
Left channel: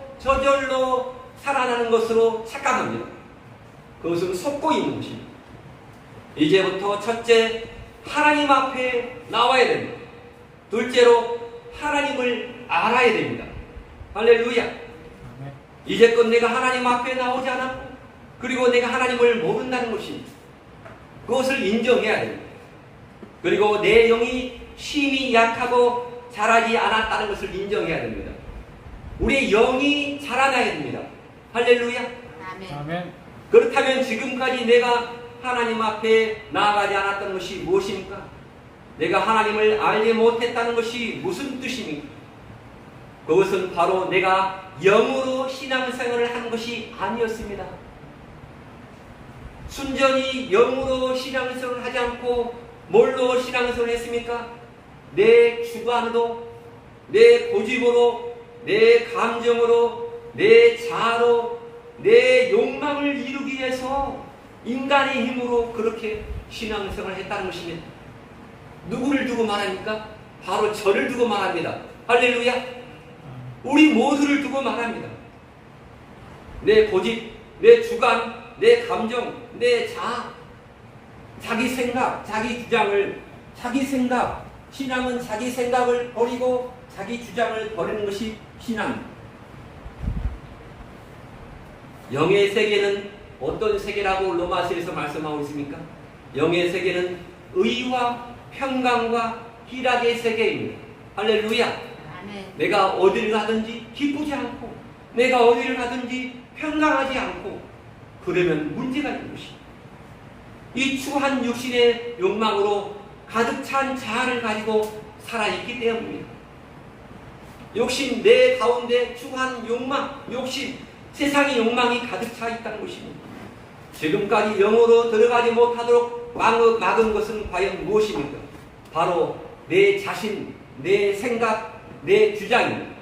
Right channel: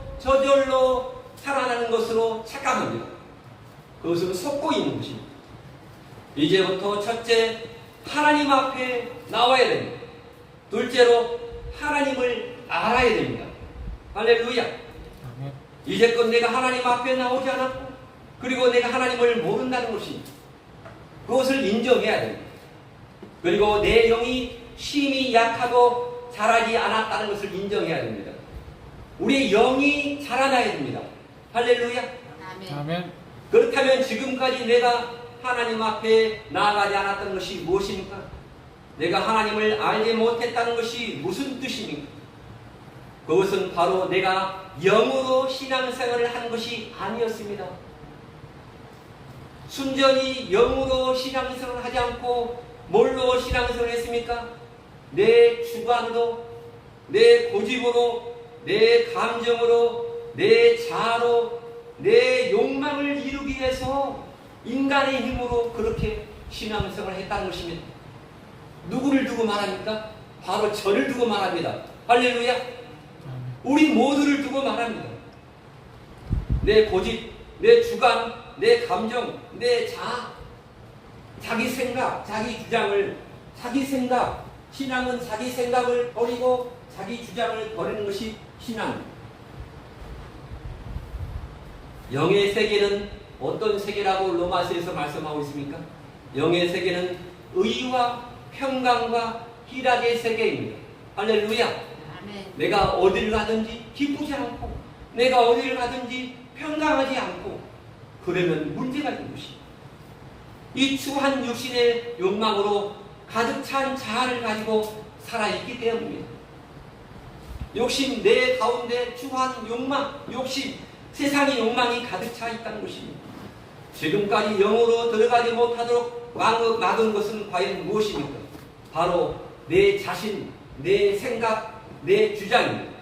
살아나는 것으로 착각합니다. 그것은 속고 있는 것입니다. 이제부터 첫째, 하나님 앞에 나와야 됩니다. 둘째로, 하나님을 알아야 됩니다. 할렐루야. 이제껏 내가 하나님 앞에 나오지 않았고, 그리고 내가 하나님을 모른다는 것입니다. 그것을 인정해야 됩니다. 그리고 내 영이 힘이 약하고 자라지 않았다는 것을 인정해야 됩니다. 우리의 영이 자라나야 됩니다. 할렐루야. 아멘. 그렇다면 지금까지 내가 하나님 앞에 나아가지 않았던 것이 무엇입니까? 내가 하나님을 알지 못했다는 것이 무슨 뜻입니까? 그것은 바로 내가 영으로 신앙생활을 한 것이 아니었습니다. 순전히 영으로 신앙생활을 하지 않고 뭘로 신앙생활을 했습니까? 내 주관으로, 내 고집으로, 내 감정으로, 내 자아로, 내 욕망을 이루기 위해서 인간의 힘으로 그렇게 신앙생활을 했다는 것입니다. 누구를 두고 말합니까? 바로 저를 두고 말합니다. 할렐루야. 우리 모두를 두고 말합니다. 내 고집, 내 주관, 내 감정, 내 자아, 자기 생각, 자기 주장을 자기 생각, 신앙은 자기 생각을 버리고 자기 주장을 버리는 것이 신앙입니다. 영의 세계는 어떤 세계라고 로마서에서 말씀하고 있습니까? 영의 세계는 의와 평강과 희락의 세계입니다. 할렐루야. 아멘. 내가 어디를 가든지 기쁘지 않고 내가 어디를 가든지 평강하지 않고 그러면 문제가 있는 것입니다. 이 추한 육신의 욕망으로 가득 찬 자아를 가지고 살아있기 때문입니다. 욕심, 내 가운데 추한 욕망, 욕심, 세상의 욕망이 가득 차 있다는 것입니다. 지금까지 영으로 들어가지 못하도록 막은 것은 과연 무엇입니까? 바로 내 자신, 내 생각, 내 주장입니다.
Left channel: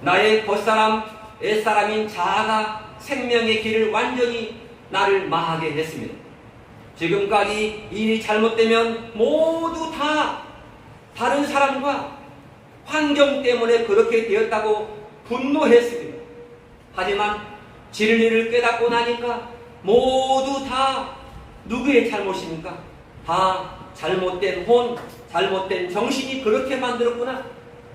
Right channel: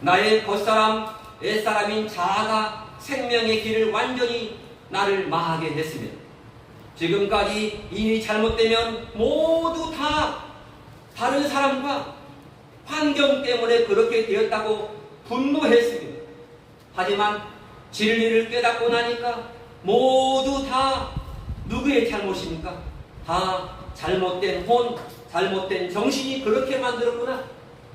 나의 벗사람, 옛사람인 자아가 생명의 길을 완전히 나를 망하게 했습니다. 지금까지 일이 잘못되면 모두 다 다른 사람과 환경 때문에 그렇게 되었다고 분노했습니다. 하지만 진리를 깨닫고 나니까 모두 다 누구의 잘못입니까? 다 잘못된 혼, 잘못된 정신이 그렇게 만들었구나.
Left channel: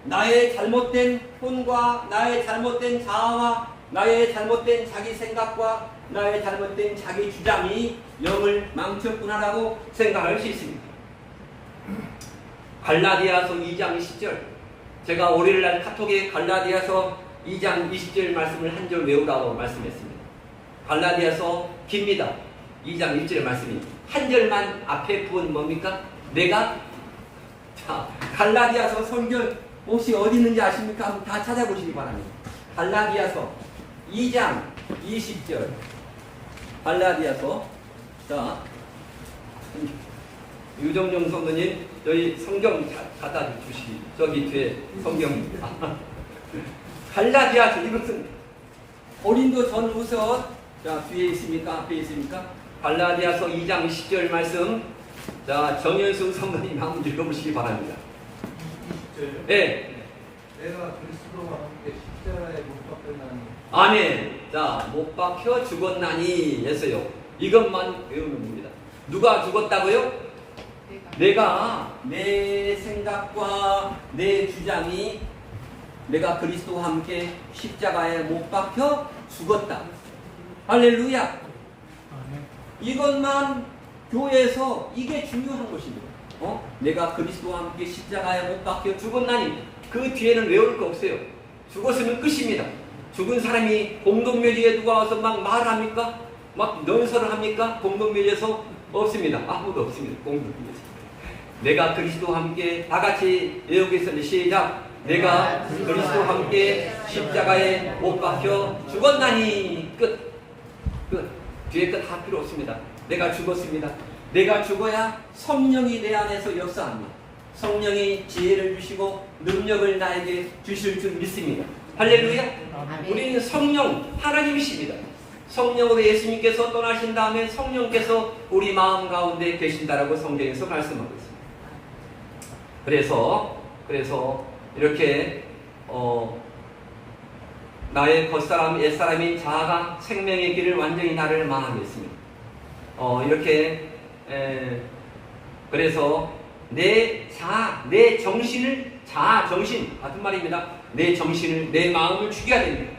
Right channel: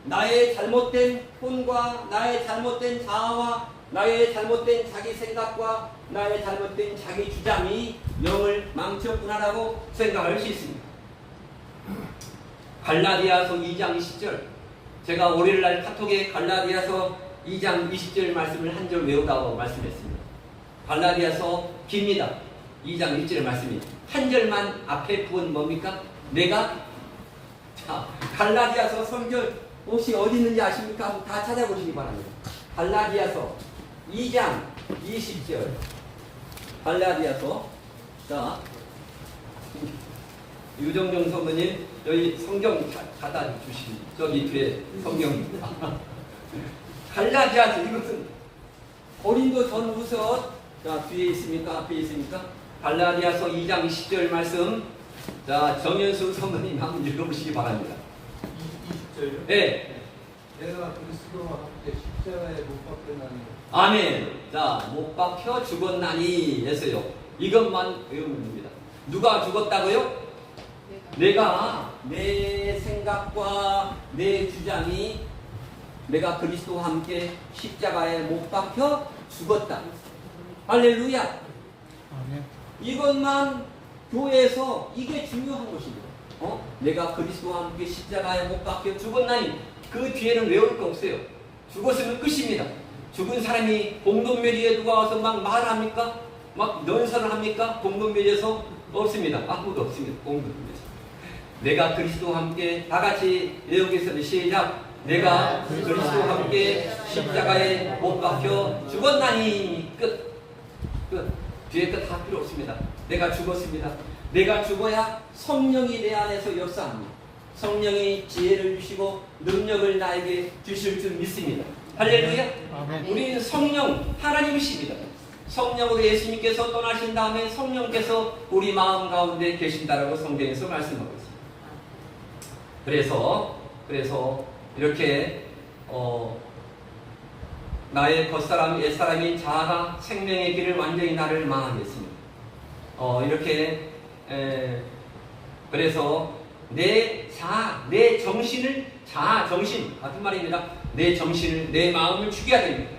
나의 잘못된 혼과 나의 잘못된 자아와 나의 잘못된 자기 생각과 나의 잘못된 자기 주장이 영을 망쳤구나라고 생각할 수 있습니다. 갈라디아서 2장 20절, 제가 월요일날 카톡에 갈라디아서 2장 20절 말씀을 한 절 외우라고 말씀했습니다. 갈라디아서 깁니다. 2장 1절의 말씀이 한 절만 앞에 부은 뭡니까? 내가 자 갈라디아서 성경 혹시 어디 있는지 아십니까? 한번 다 찾아보시기 바랍니다. 갈라디아서 2장 20절 갈라디아서 자 유정용 성도님 여기 성경 갖다 주시 저기 뒤에 성경입니다. 갈라디아서 이것은 고린도 전후서 자 뒤에 있습니까? 앞에 있습니까? 갈라디아서 2장 20절 말씀 자 정현수 성도님 한번 읽어보시기 바랍니다. 20절. 네. 내가 그리스도와 함께 십자가에 못 박혔나니. 아멘. 자, 못 박혀 죽었나니 했어요. 이것만 외우면 됩니다. 누가 죽었다고요? 내가 내 생각과 내 주장이 내가 그리스도와 함께 십자가에 못 박혀 죽었다. 할렐루야. 이것만 교회에서 이게 중요한 것입니다. 내가 그리스도와 함께 십자가에 못 박혀 죽었나니 그 뒤에는 외울 거 없어요. 죽었으면 끝입니다. 죽은 사람이 공동묘지에 누가 와서 막 말합니까? 막 연설을 합니까? 공동묘지에서 없습니다. 아무도 없습니다. 공동묘지에서. 내가 그리스도와 함께 다 같이 외우겠습니다. 시작. 내가 그리스도와 함께 십자가에 못 박혀 죽었나니 끝. 뒤에 끝 다 필요 없습니다. 내가 죽었습니다. 내가 죽어야 성령이 내 안에서 역사합니다. 성령이 지혜를 주시고 능력을 나에게 주실 줄 믿습니다. 할렐루야. 우리는 성령 하나님이십니다. 성령으로 예수님께서 떠나신 다음에 성령께서 우리 마음 가운데 계신다라고 성경에서 말씀하고 있습니다. 그래서 이렇게 나의 겉사람 옛사람인 자아가 생명의 길을 완전히 나를 망하겠습니다. 이렇게 그래서 내 자아, 내 정신을 자아, 정신 같은 말입니다. 내 정신을, 내 마음을 죽여야 됩니다.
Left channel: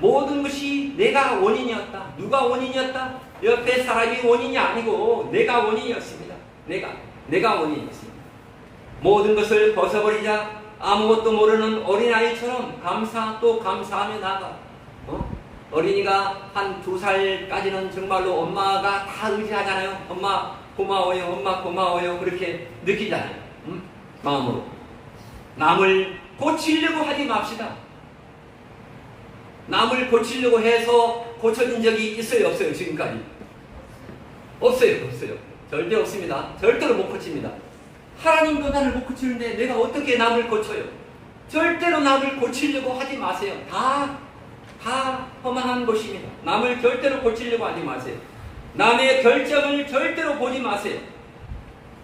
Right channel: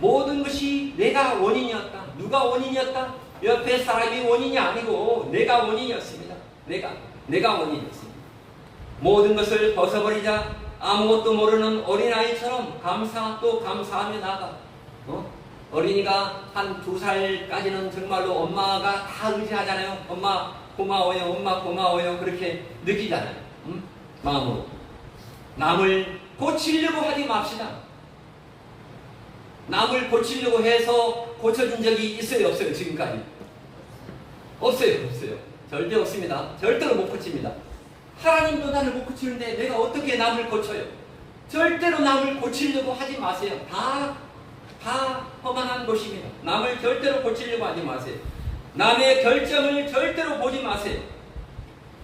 모든 것이 내가 원인이었다. 누가 원인이었다? 옆에 사람이 원인이 아니고 내가 원인이었습니다. 내가 원인이었습니다. 모든 것을 벗어버리자 아무것도 모르는 어린아이처럼 감사 또 감사하며 나가. 어린이가 한 2살까지는 정말로 엄마가 다 의지하잖아요. 엄마 고마워요, 엄마 고마워요. 그렇게 느끼잖아요. 마음으로. 남을 고치려고 하지 맙시다. 남을 고치려고 해서 고쳐진 적이 있어요, 없어요? 지금까지? 없어요. 절대 없습니다. 절대로 못 고칩니다. 하나님도 나를 못 고치는데 내가 어떻게 남을 고쳐요? 절대로 남을 고치려고 하지 마세요. 다 허망한 것입니다. 남을 절대로 고치려고 하지 마세요. 남의 결정을 절대로 보지 마세요.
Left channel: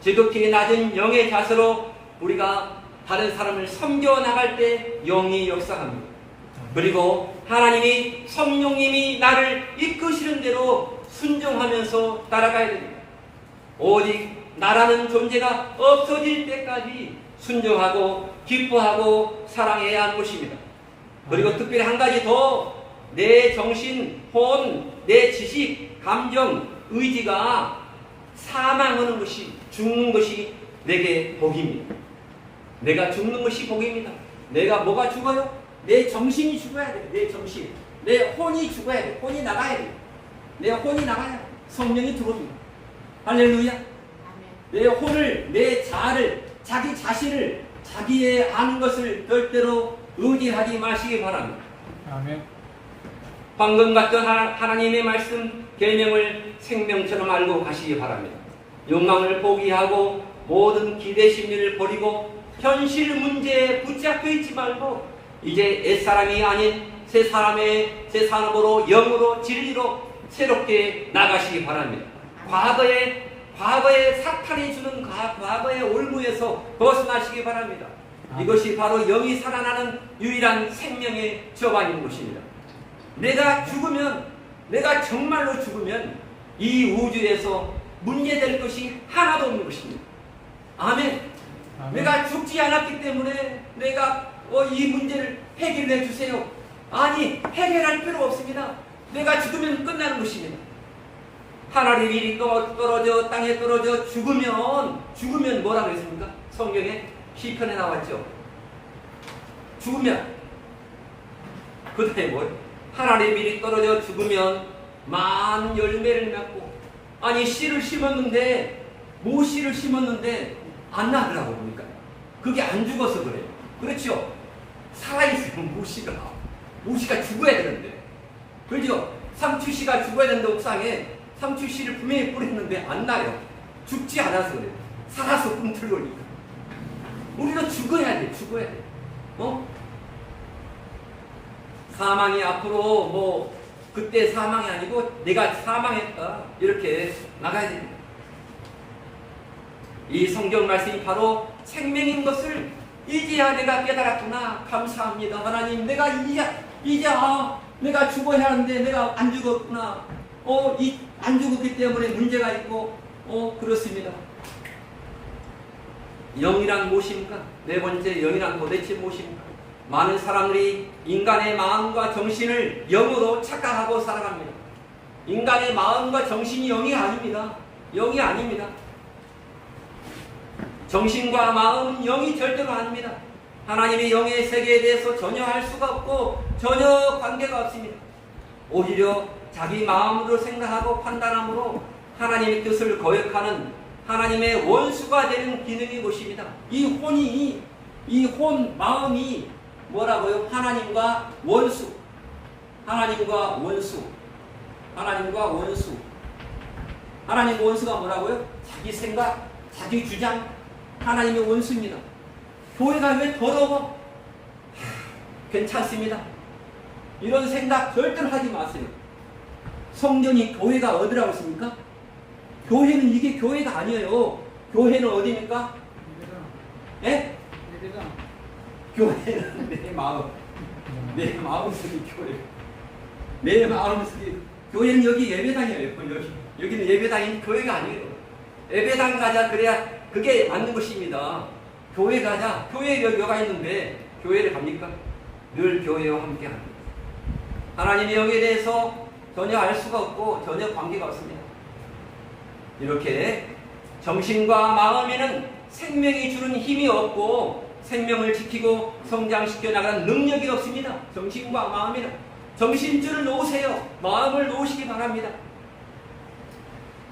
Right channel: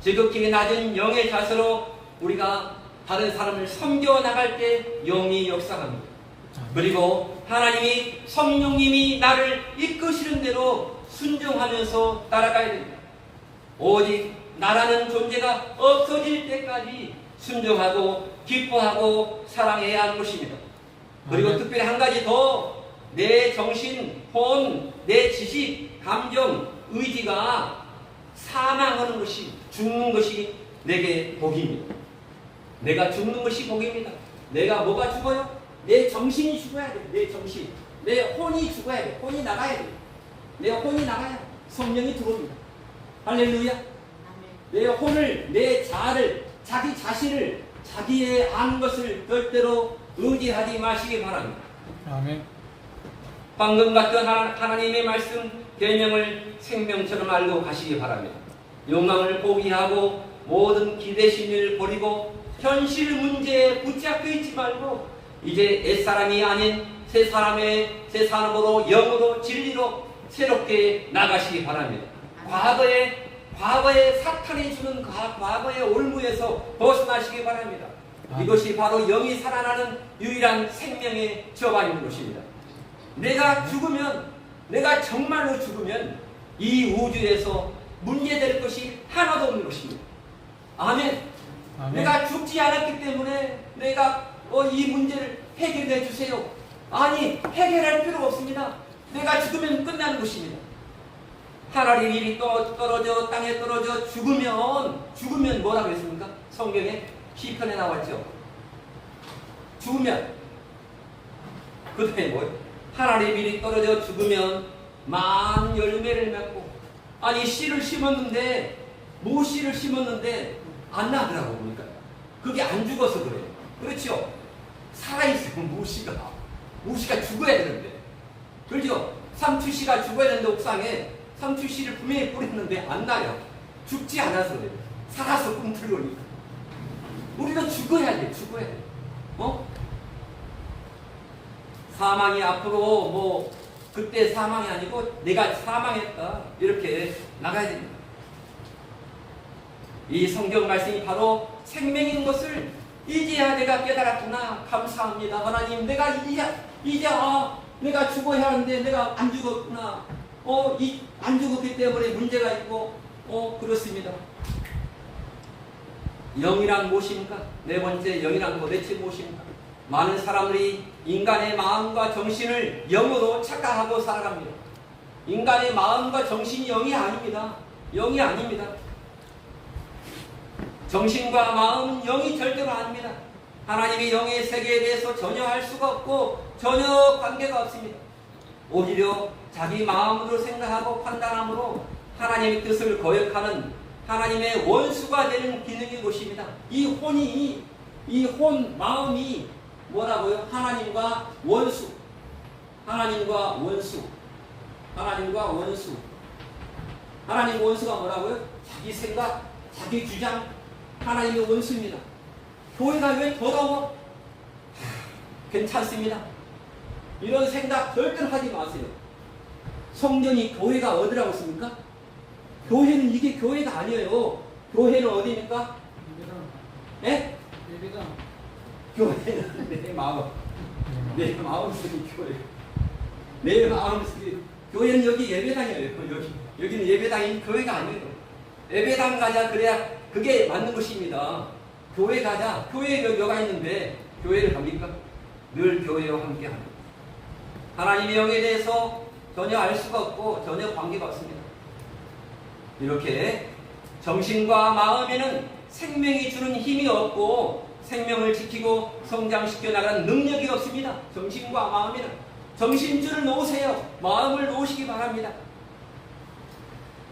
지극히 낮은 영의 자세로 우리가 다른 사람을 섬겨 나갈 때 영이 역사합니다. 그리고 하나님이 성령님이 나를 이끄시는 대로 순종하면서 따라가야 됩니다. 오직 나라는 존재가 없어질 때까지 순종하고 기뻐하고 사랑해야 하는 것입니다. 그리고 특별히 한 가지 더, 내 정신, 혼, 내 지식, 감정, 의지가 사망하는 것이, 죽는 것이 내게 복입니다. 내가 죽는 것이 복입니다. 내가 뭐가 죽어요? 내 정신이 죽어야 돼. 내 정신. 내 혼이 죽어야 돼. 혼이 나가야 돼. 내 혼이 나가야 성령이 들어옵니다. 할렐루야. 내 혼을, 내 자아를, 자기 자신을, 자기의 아는 것을 절대로 의지하지 마시기 바랍니다. 아멘. 방금 같은 하나님의 말씀 계명을 생명처럼 알고 가시기 바랍니다. 욕망을 포기하고 모든 기대 심리를 버리고 현실 문제에 붙잡혀 있지 말고 이제 옛사람이 아닌 새 사람으로 영으로 진리로 새롭게 나가시기 바랍니다. 과거의 사탄이 주는 과거의 올무에서 벗어나시기 바랍니다. 이것이 바로 영이 살아나는 유일한 생명의 저반인 것입니다. 내가 정말로 죽으면 이 우주에서 문제될 것이 하나도 없는 것입니다. 아멘. 내가 죽지 않았기 때문에 내가 이 문제를 해결해 주세요. 아니, 해결할 필요 없습니다. 내가 죽으면 끝나는 것입니다. 하늘이 미리 떨어져 땅에 떨어져 죽으면 뭐라 그랬습니까? 성경에 시편에 나왔죠. 죽으면 그 다음에 뭐예요? 하늘이 미리 떨어져 죽으면 많은 열매를 맺고, 아니 씨를 심었는데 모씨를 심었는데 안 나더라고 보니까 그게 안 죽어서 그래요. 그렇죠? 살아있으면 모씨가 죽어야 되는데, 그렇죠? 상추씨가 죽어야 되는데 옥상에 상추씨를 분명히 뿌렸는데 안 나요. 죽지 않아서 그래요. 살아서 꿈틀거리니까. 우리도 죽어야 돼. 사망이 앞으로 그때 사망이 아니고 내가 사망했다 이렇게 나가야 됩니다. 이 성경 말씀이 바로 생명인 것을 이제야 내가 깨달았구나. 감사합니다. 하나님, 내가 이제 내가 죽어야 하는데 내가 안 죽었구나. 안 죽었기 때문에 문제가 있고, 그렇습니다. 영이란 무엇입니까? 네 번째, 영이란 도대체 무엇입니까? 많은 사람들이 인간의 마음과 정신을 영으로 착각하고 살아갑니다. 인간의 마음과 정신이 영이 아닙니다. 영이 아닙니다. 정신과 마음은 영이 절대로 아닙니다. 하나님의 영의 세계에 대해서 전혀 알 수가 없고 전혀 관계가 없습니다. 오히려 자기 마음으로 생각하고 판단함으로 하나님의 뜻을 거역하는 하나님의 원수가 되는 기능이 것입니다. 마음이 뭐라고요? 하나님과 원수. 하나님과 원수가 뭐라고요? 자기 생각, 자기 주장, 하나님의 원수입니다. 교회가 왜 더러워? 괜찮습니다. 이런 생각 절대로 하지 마세요. 성경이 교회가 어디라고 했습니까? 교회는 이게 교회가 아니에요. 교회는 어디입니까? 예? 교회는 내 마음속이 교회. 내 마음속이 교회는 여기 예배당이에요. 여기는 예배당이 교회가 아니에요. 예배당 가자 그래야 그게 맞는 것입니다. 교회 가자. 교회에 여가 있는데 교회를 갑니까? 늘 교회와 함께합니다. 하나님의 영에 대해서 전혀 알 수가 없고 전혀 관계가 없습니다. 이렇게 정신과 마음에는 생명이 주는 힘이 없고 생명을 지키고 성장시켜 나가는 능력이 없습니다. 정신과 마음에는 정신줄을 놓으세요. 마음을 놓으시기 바랍니다.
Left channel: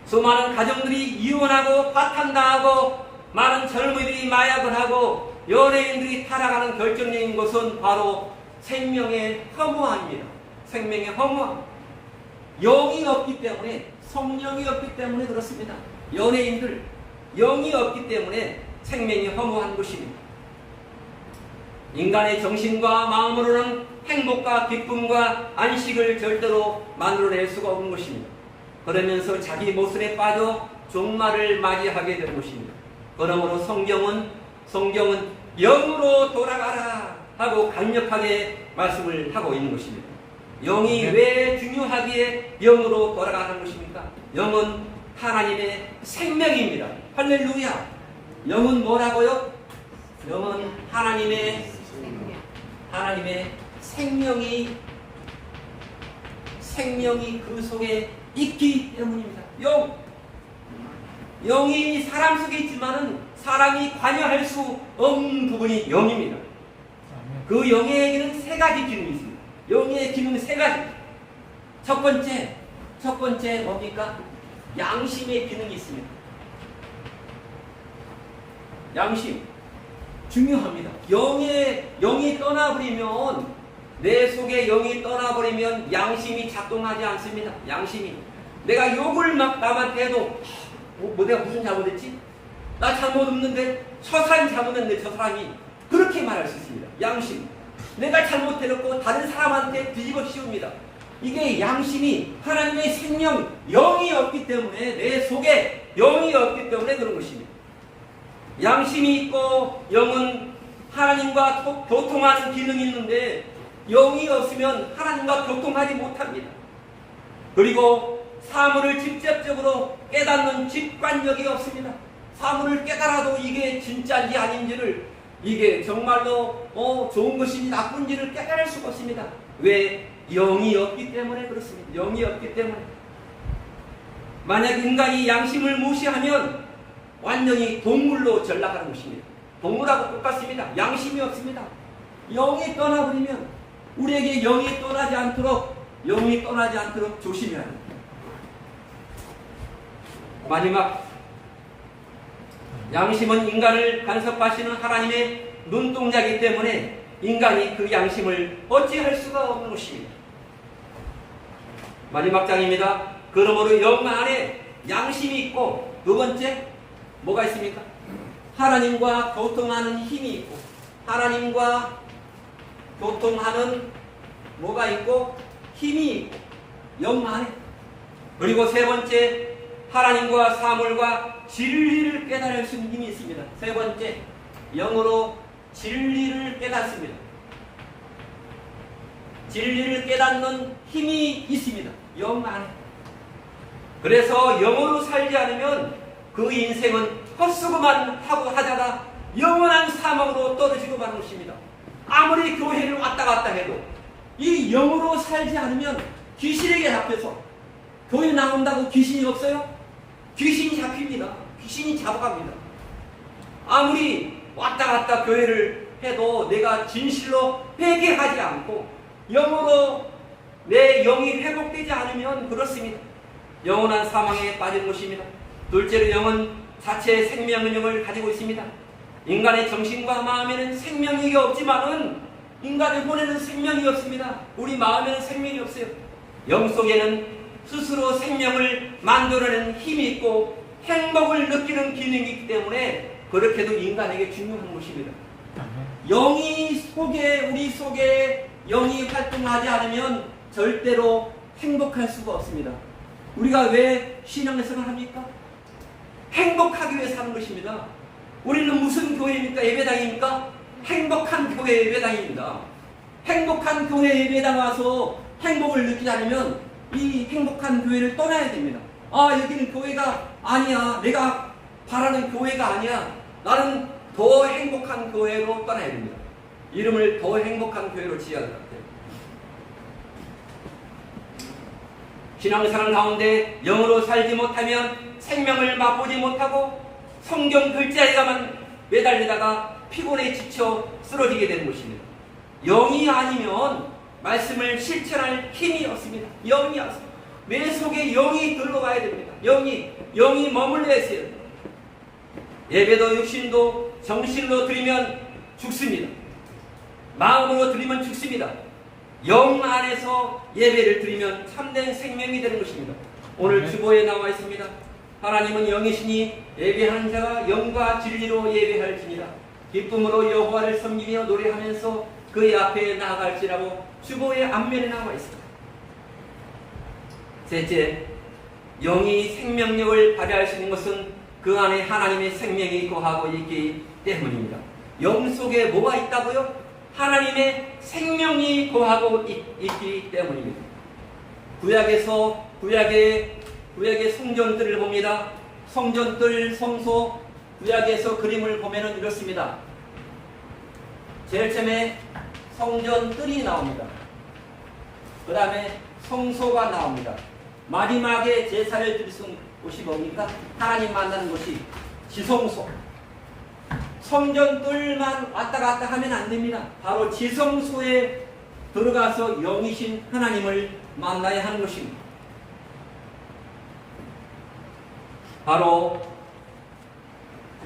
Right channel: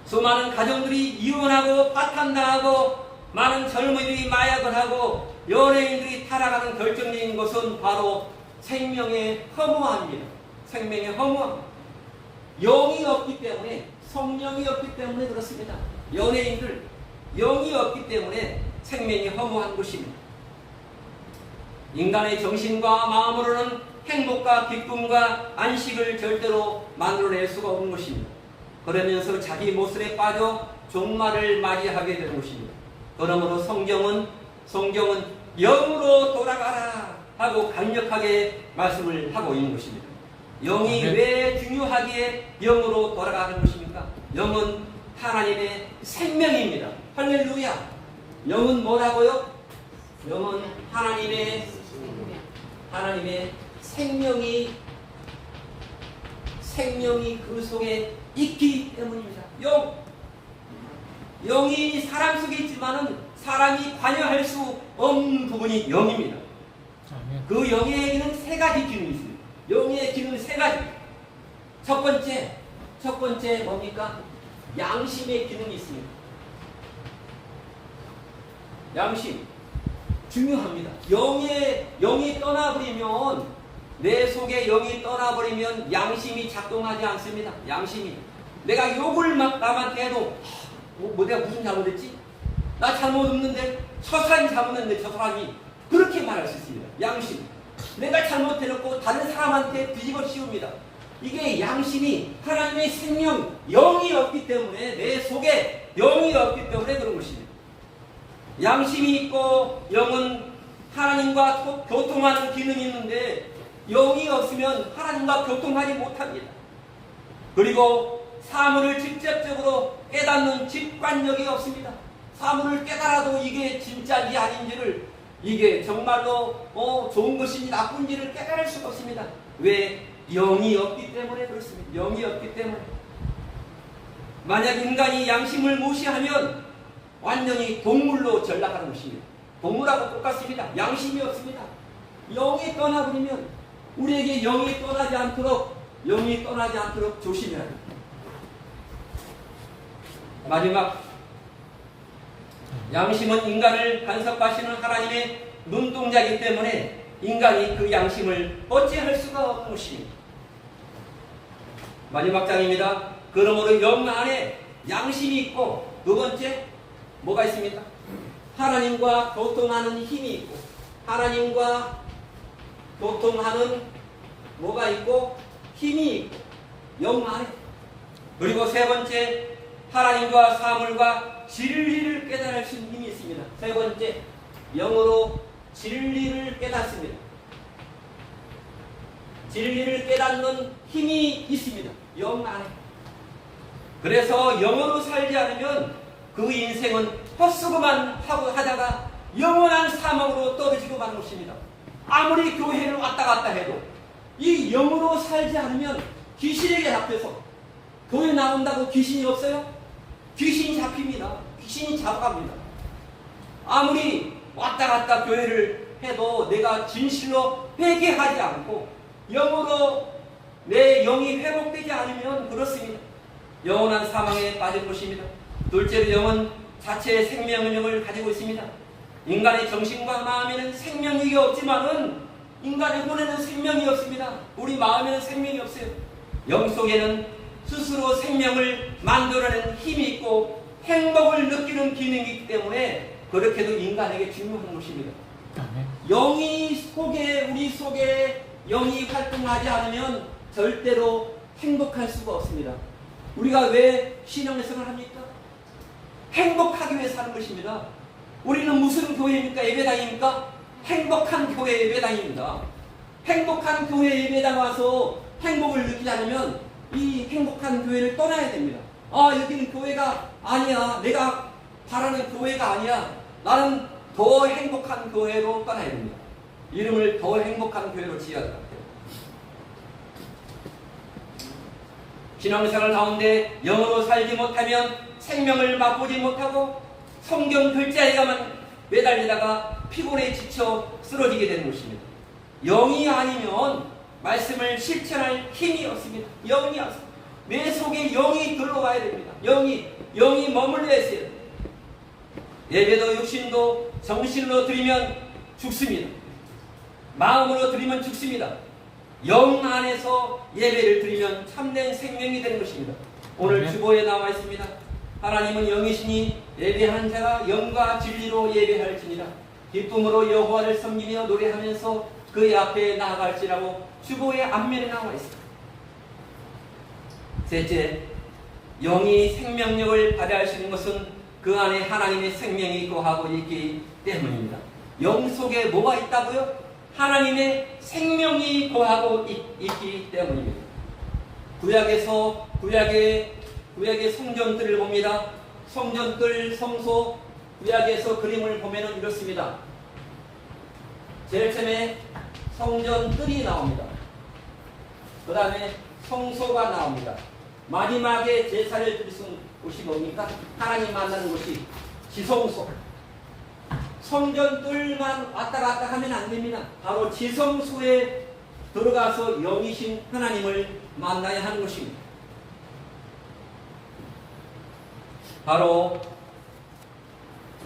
수많은 가정들이 이혼하고 파탄당하고 많은 젊은이들이 마약을 하고 연예인들이 타락하는 결정적인 것은 바로 생명의 허무함입니다. 생명의 허무함. 영이 없기 때문에, 성령이 없기 때문에 그렇습니다. 연예인들 영이 없기 때문에 생명이 허무한 것입니다. 인간의 정신과 마음으로는 행복과 기쁨과 안식을 절대로 만들어낼 수가 없는 것입니다. 그러면서 자기 모습에 빠져 종말을 맞이하게 되는 것입니다. 그러므로 성경은 영으로 돌아가라 하고 강력하게 말씀을 하고 있는 것입니다. 영이 왜 중요하기에 영으로 돌아가는 것입니까? 영은 하나님의 생명입니다. 할렐루야. 영은 뭐라고요? 영은 하나님의 생명이 그 속에 있기 때문입니다. 영이 사람 속에 있지만은 사람이 관여할 수 없는 부분이 영입니다. 그 영에게는 세 가지 기능이 있습니다. 영의 기능은 세 가지. 첫 번째 뭡니까? 양심의 기능이 있습니다. 양심 중요합니다. 영이 떠나버리면, 내 속에 영이 떠나버리면 양심이 작동하지 않습니다. 양심이, 내가 욕을 막 남한테 해도 내가 무슨 잘못했지? 나 잘못 없는데 저 사람이 잘못했는데 저 사람이 그렇게 말할 수 있습니다. 양심, 내가 잘못해놓고 다른 사람한테 뒤집어 씌웁니다. 이게 양심이 하나님의 생명, 영이 없기 때문에, 내 속에 영이 없기 때문에 그런 것입니다. 양심이 있고 영은 하나님과 교통하는 기능이 있는데, 영이 없으면 하나님과 교통하지 못합니다. 그리고 사물을 직접적으로 깨닫는 직관력이 없습니다. 사물을 깨달아도 이게 진짜인지 아닌지를, 이게 정말로 좋은 것인지 나쁜지를 깨달을 수가 없습니다. 왜? 영이 없기 때문에 그렇습니다. 영이 없기 때문에. 만약 인간이 양심을 무시하면 완전히 동물로 전락하는 것입니다. 동물하고 똑같습니다. 양심이 없습니다. 영이 떠나버리면, 우리에게 영이 떠나지 않도록 조심해야 합니다. 마지막, 양심은 인간을 간섭하시는 하나님의 눈동자이기 때문에 인간이 그 양심을 어찌할 수가 없는 것입니다. 마지막 장입니다. 그러므로 영 안에 양심이 있고, 두 번째 뭐가 있습니까? 하나님과 교통하는 힘이 있고, 하나님과 교통하는 뭐가 있고? 힘이 있고, 영 안에. 그리고 세 번째, 하나님과 사물과 진리를 깨달을 수 있는 힘이 있습니다. 세 번째, 영으로 진리를 깨닫습니다. 진리를 깨닫는 힘이 있습니다. 영 안에. 그래서 영으로 살지 않으면 그 인생은 헛수고만 하고 하다가 영원한 사망으로 떨어지고 마는 것입니다. 아무리 교회를 왔다 갔다 해도 이 영으로 살지 않으면 귀신에게 잡혀서, 교회 나온다고 귀신이 없어요? 귀신이 잡힙니다. 귀신이 잡아갑니다. 아무리 왔다 갔다 교회를 해도 내가 진실로 회개하지 않고 영으로 내 영이 회복되지 않으면 그렇습니다. 영원한 사망에 빠지는 것입니다. 둘째로, 영은 자체의 생명력을 가지고 있습니다. 인간의 정신과 마음에는 생명력이 없지만은 인간의 혼에는 생명이 없습니다. 우리 마음에는 생명이 없어요. 영 속에는 스스로 생명을 만들어내는 힘이 있고 행복을 느끼는 기능이 있기 때문에 그렇게도 인간에게 중요한 것입니다. 우리 속에 영이 활동하지 않으면 절대로 행복할 수가 없습니다. 우리가 왜 신앙생활을 합니까? 행복하기 위해 사는 것입니다. 우리는 무슨 교회입니까? 예배당입니까? 행복한 교회 예배당입니다. 행복한 교회 예배당 와서 행복을 느끼지 않으면 이 행복한 교회를 떠나야 됩니다. 여기는 교회가 아니야. 내가 바라는 교회가 아니야. 나는 더 행복한 교회로 떠나야 됩니다. 이름을 더 행복한 교회로 지어야 돼요. 신앙생활 가운데 영으로 살지 못하면 생명을 맛보지 못하고 성경 글자에만 매달리다가 피곤에 지쳐 쓰러지게 되는 것입니다. 영이 아니면 말씀을 실천할 힘이 없습니다. 영이 없습니다. 내 속에 영이 들어가야 됩니다. 영이 머물러야 있어요. 예배도 육신도 정신으로 드리면 죽습니다. 마음으로 드리면 죽습니다. 영 안에서 예배를 드리면 참된 생명이 되는 것입니다. 오늘 주보에 나와 있습니다. 하나님은 영이시니 예배하는 자가 영과 진리로 예배할지니라. 기쁨으로 여호와를 섬기며 노래하면서 그의 앞에 나아갈지라고 주보의 앞면에 나와 있습니다. 셋째, 영이 생명력을 발휘할 수 있는 것은 그 안에 하나님의 생명이 거하고 있기 때문입니다. 영 속에 뭐가 있다고요? 하나님의 생명이 거하고 있기 때문입니다. 구약의 성전들을 봅니다. 성전들, 성소, 구약에서 그림을 보면은 이렇습니다. 제일 처음에 성전들이 나옵니다. 그 다음에 성소가 나옵니다. 마지막에 제사를 드릴 수 있는 곳이 뭡니까? 하나님 만나는 곳이 지성소. 성전들만 왔다 갔다 하면 안 됩니다. 바로 지성소에 들어가서 영이신 하나님을 만나야 하는 것입니다. 바로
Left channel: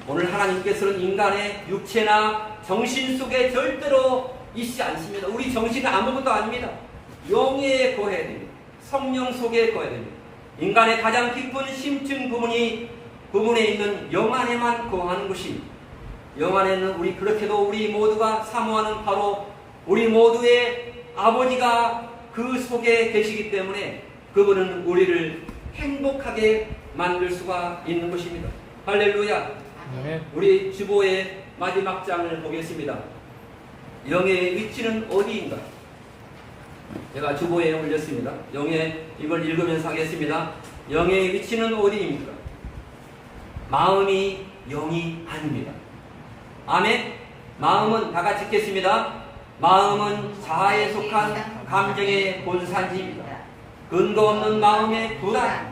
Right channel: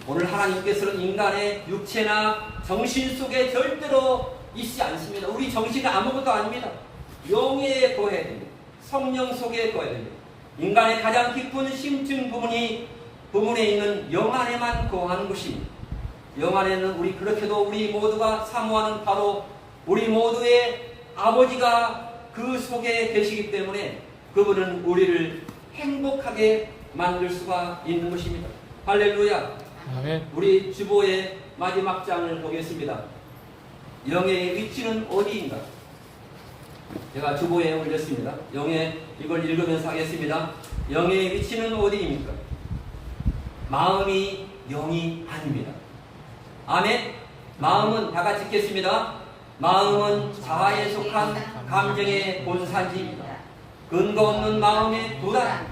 오늘 하나님께서는 인간의 육체나 정신 속에 절대로 있지 않습니다. 우리 정신이 아무것도 아닙니다. 영에 거해야 됩니다. 성령 속에 거해야 됩니다. 인간의 가장 깊은 심층 부분에 있는 영 안에만 거하는 것입니다. 영 안에는 그렇게도 우리 모두가 사모하는 바로 우리 모두의 아버지가 그 속에 계시기 때문에 그분은 우리를 행복하게 만들 수가 있는 것입니다. 할렐루야. 아멘. 우리 주보의 마지막 장을 보겠습니다. 영의 위치는 어디인가? 제가 주보에 올렸습니다. 영의 이걸 읽으면서 하겠습니다. 영의 위치는 어디입니까? 마음이 영이 아닙니다. 아멘. 마음은 다 같이 읽겠습니다. 마음은 자아에 속한 감정의 본산지입니다. 근거 없는 마음의 불안,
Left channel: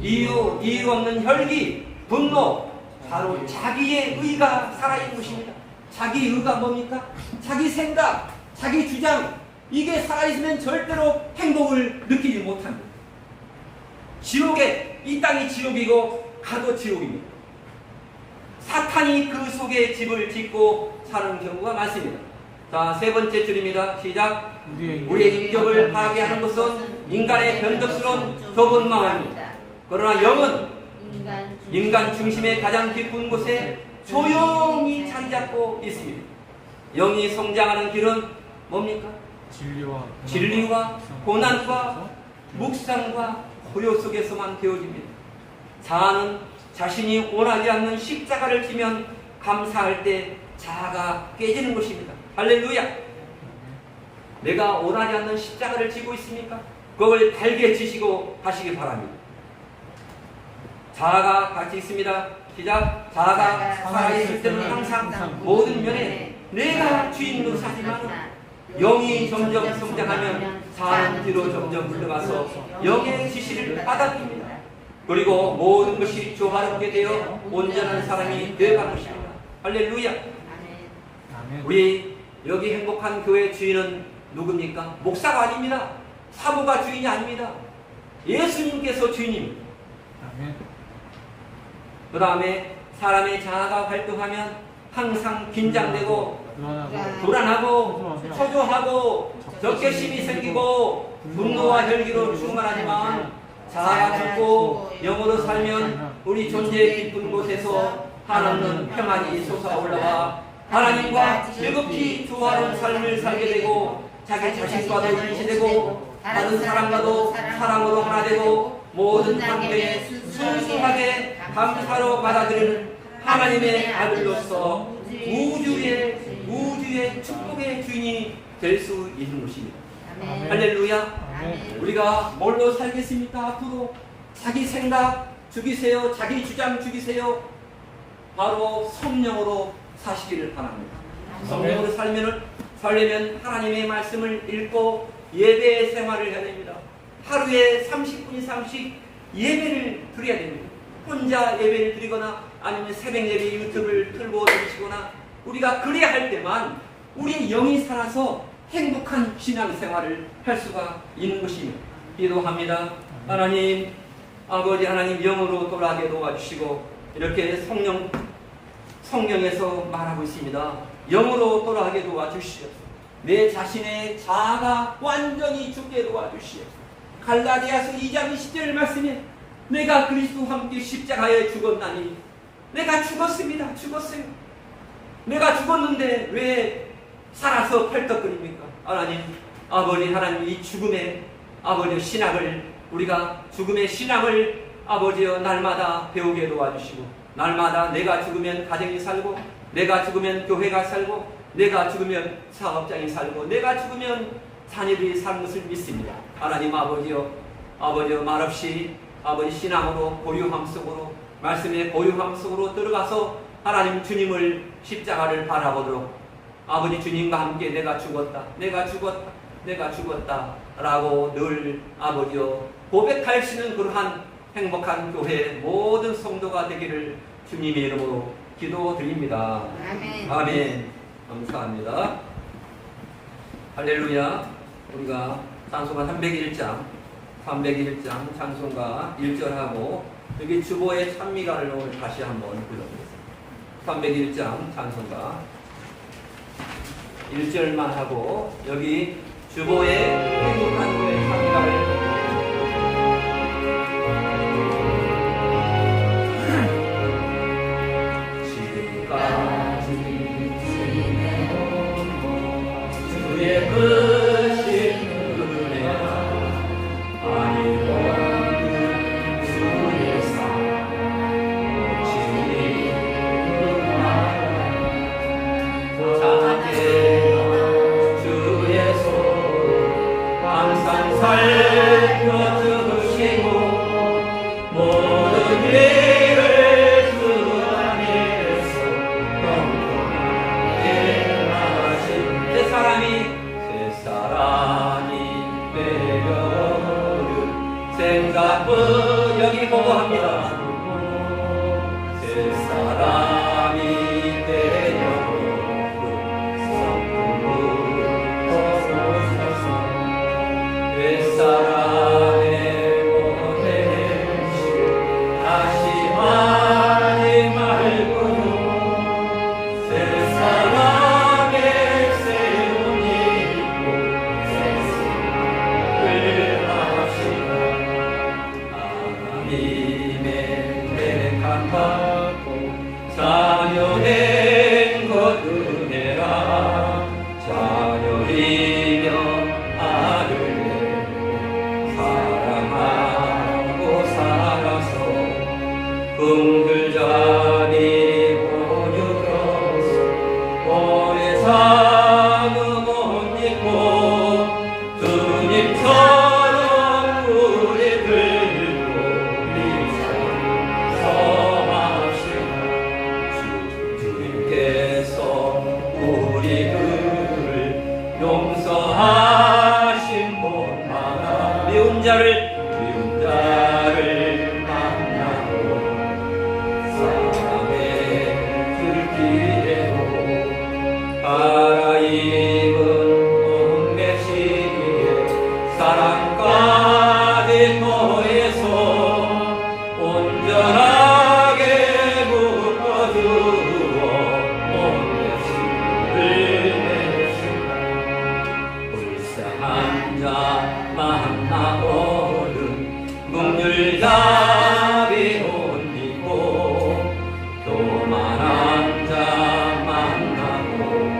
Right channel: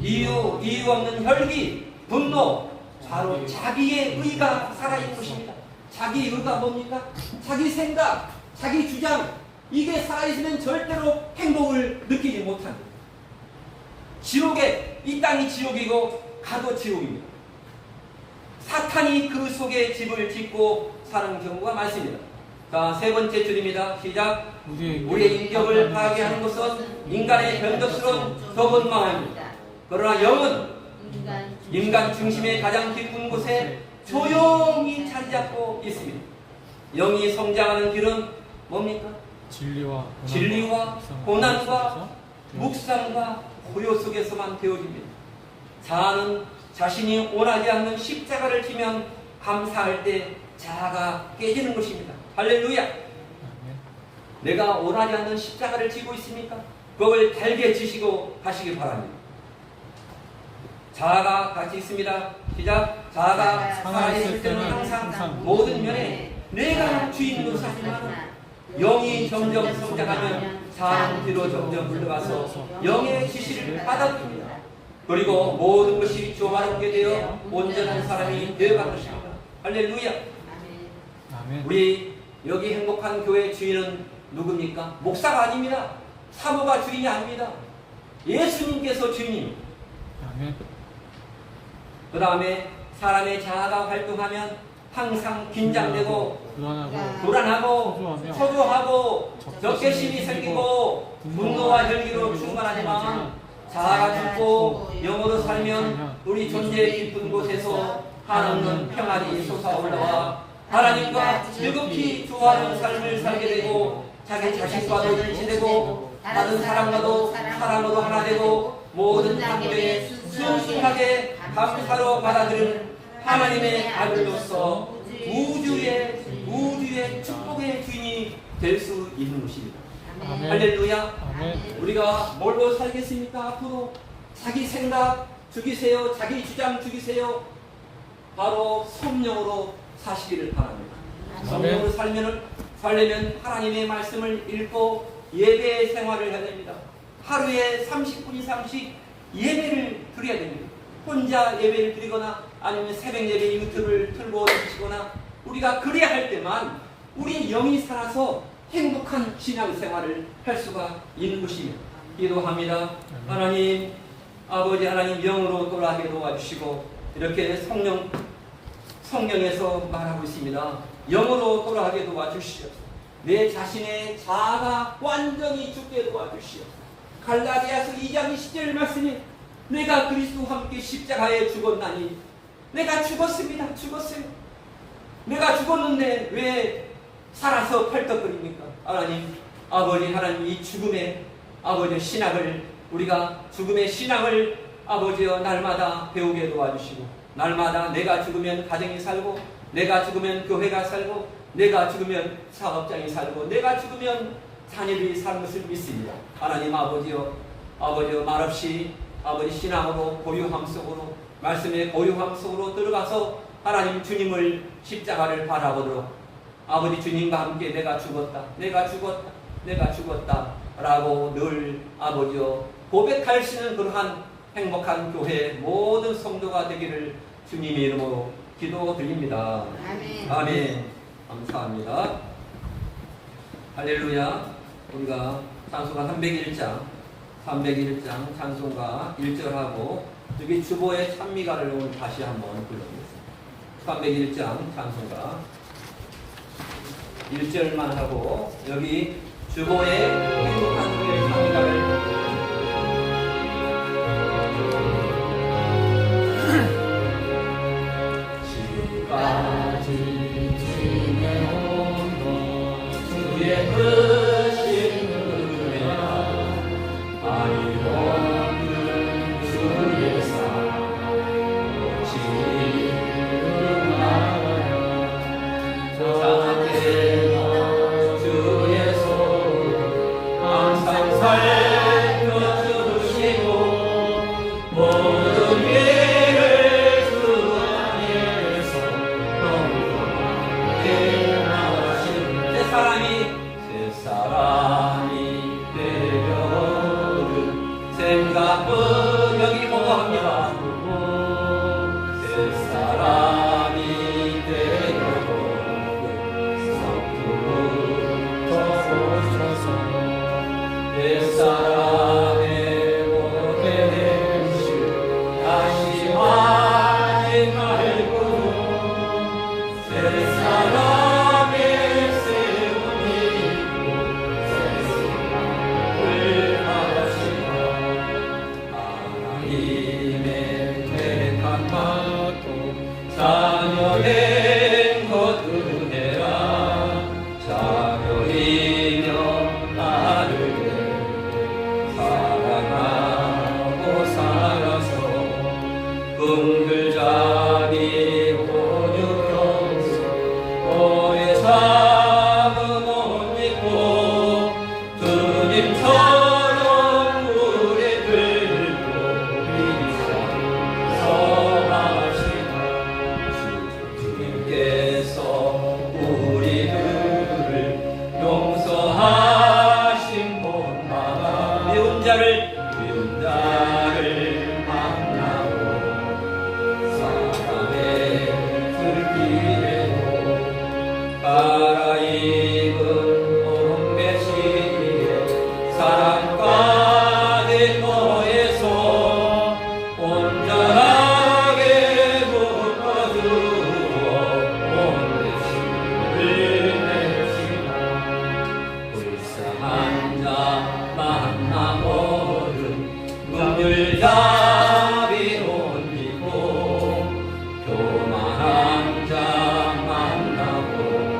이유 없는 혈기, 분노, 바로 자기의 의가 살아있는 것입니다. 자기 의가 뭡니까? 자기 생각, 자기 주장, 이게 살아있으면 절대로 행복을 느끼지 못합니다. 지옥에, 이 땅이 지옥이고 가도 지옥입니다. 사탄이 그 속에 집을 짓고 사는 경우가 많습니다. 자, 세 번째 줄입니다. 시작. 우리의 인격을 파괴하는 것은 인간의 변덕스러운 좁은 마음입니다. 그러나 영은 인간 중심의 가장 깊은 곳에 조용히 자리 잡고 있습니다. 영이 성장하는 길은 뭡니까? 진리와 고난과 묵상과 고요 속에서만 되어집니다. 자아는 자신이 원하지 않는 십자가를 지면 감사할 때 자아가 깨지는 것입니다. 할렐루야. 내가 원하지 않는 십자가를 지고 있습니까? 그걸 달게 지시고 가시기 바랍니다. 자아가 같이 있습니다. 시작. 자아가 살아있을 때는 항상 모든 면에 내가 주인 노릇하지만 영이 점점 성장하면 자아는 뒤로 점점 물러가서 영의 지시를 받아들입니다. 그리고 모든 것이 조화롭게 되어 온전한 사람이 되어가는 것입니다. 할렐루야. 우리 여기 행복한 교회 주인은 누굽니까? 목사가 아닙니다. 사모가 주인이 아닙니다. 예수님께서 주인입니다. 그 다음에 사람의 자아가 활동하면 항상 긴장되고 불안하고 초조하고 적개심이 생기고 분노와 혈기로 충만하지만 자아가 죽고 영으로 살면 우리 존재의 깊은 곳에서 한없는 평안이 솟아올라와 하나님과 즐겁게 조화로운 삶을 살게 되고 자기 자신과도 일치되고 다른 사람과도 사랑으로 하나 되고 모든 관계에 순수하게 감사로 받아들이는 하나님의 아들로서 우주의 축복의 주인이 될 수 있는 것입니다. 할렐루야. 우리가 뭘로 살겠습니까? 앞으로 자기 생각 죽이세요. 자기 주장 죽이세요. 바로 성령으로 사시기를 바랍니다. 성령으로 살려면 하나님의 말씀을 읽고 예배 생활을 해야 됩니다. 하루에 30분 이상씩 예배를 드려야 됩니다. 혼자 예배를 드리거나 아니면 새벽 예배 유튜브를 틀고 드시거나 우리가 그래야 할 때만 우리의 영이 살아서 행복한 신앙생활을 할 수가 있는 것입니다. 기도합니다. 하나님, 아버지 하나님 영으로 돌아가게 도와주시고 이렇게 성령에서 말하고 있습니다. 영으로 돌아가게 도와주시옵소서. 내 자신의 자아가 완전히 죽게 도와주시옵소서. 갈라디아서 2장 20절 말씀에 내가 그리스도와 함께 십자가에 죽었나니 내가 죽었습니다. 죽었어요. 내가 죽었는데 왜 살아서 펄떡거립니까? 하나님, 아버지 하나님 이 죽음의 아버지 신학을 우리가 죽음의 신학을 아버지여 날마다 배우게 도와주시고 날마다 내가 죽으면 가정이 살고 내가 죽으면 교회가 살고 내가 죽으면 사업장이 살고 내가 죽으면 자녀들이 사는 것을 믿습니다. 하나님 아버지여 말없이 아버지 신앙으로 고요함 속으로 말씀의 고요함 속으로 들어가서 하나님 주님을 십자가를 바라보도록 아버지 주님과 함께 내가 죽었다 라고 늘 아버지여 고백할 수 있는 그러한 행복한 교회 모든 성도가 되기를 주님의 이름으로 기도드립니다. 아멘. 아멘. 감사합니다. 할렐루야. 우리가 찬송가 301장 찬송가 1절하고 여기 주보의 찬미가를 오늘 다시 한번 불러보겠습니다. 301장 찬송가 1절만 하고 여기 주보의 행복한 교회 찬미가를 지금까지 지내온 주의 크신 은혜와 아니 없는 주의 사랑 자태가 주의 손 항상 살펴주시고 모든 일을 주 안에서 영원하게 나가신 새 사람이 되려는 생각은 여기 보고합니다. 새 사람이 되려는 성품을 거두셔서 옛사람의 모태를 다시 하지 말고 새 사람의 새로운 일고 새생을 하시라. 하나님의 택한 받고 자녀된 것 은혜라. 자녀이며 아를 내고 사랑하고 살아서 긍휼자비 보유로서 오래 사는 옷 입고 주님처럼 우리 들고 성합시다. 주님께서 우리들을 용서하신 곳마다 미운 자를 만나고 사랑의 불길에도 갈아입은 온배 시기에 사랑 가득 거에서 온전하게 묶어주어 온배 시를 내시다. 불쌍한 자 만나보는 긍휼자비 옮기고 교만한 자 만나보는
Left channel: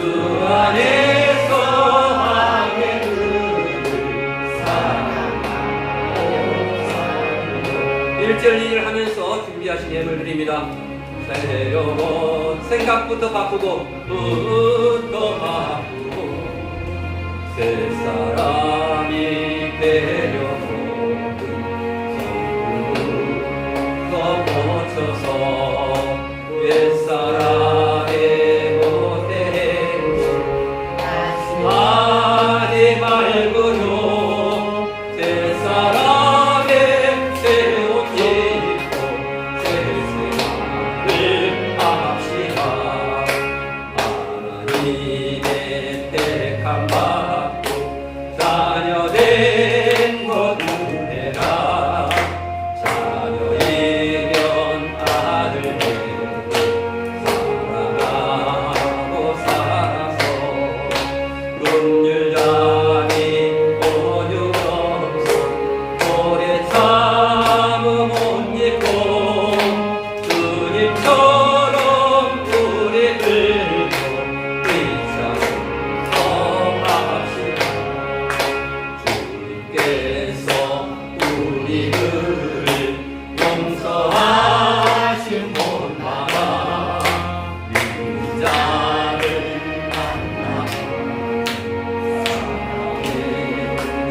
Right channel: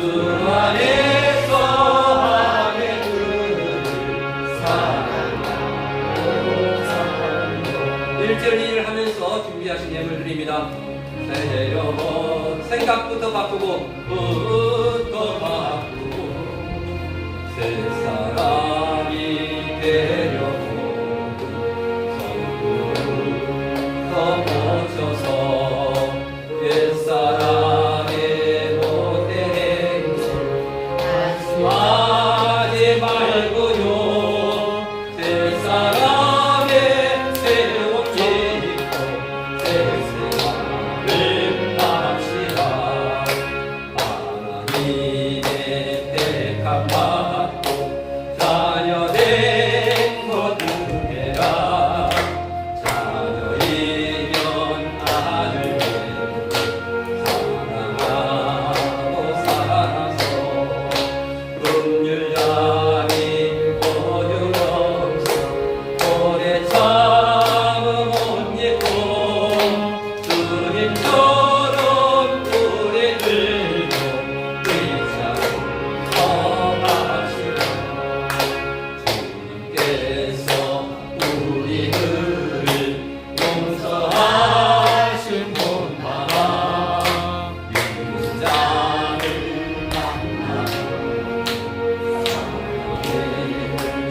주 안에서 하늘을 사랑하고 1절 2절 하면서 준비하신 예물 드립니다. 새로운 생각부터 바꾸고 뜻도 바꾸고 새 사람이 되려고 성부터 고쳐서 옛사람의 못된 하지 말고요 새 사람의 새 옷 입고 새 생활을 바랍시다. 하나님의 택함 받고 자녀된 모든 해가 자녀이면 아들 사랑하고 살아서 긍휼함이 오늘 없어 오래 참음 못 잊고 주님처럼 우리 들고 의자로 서갑시다. 주님께서 우리들을 용서하신 분마다 믿는 자를 만나서 사랑의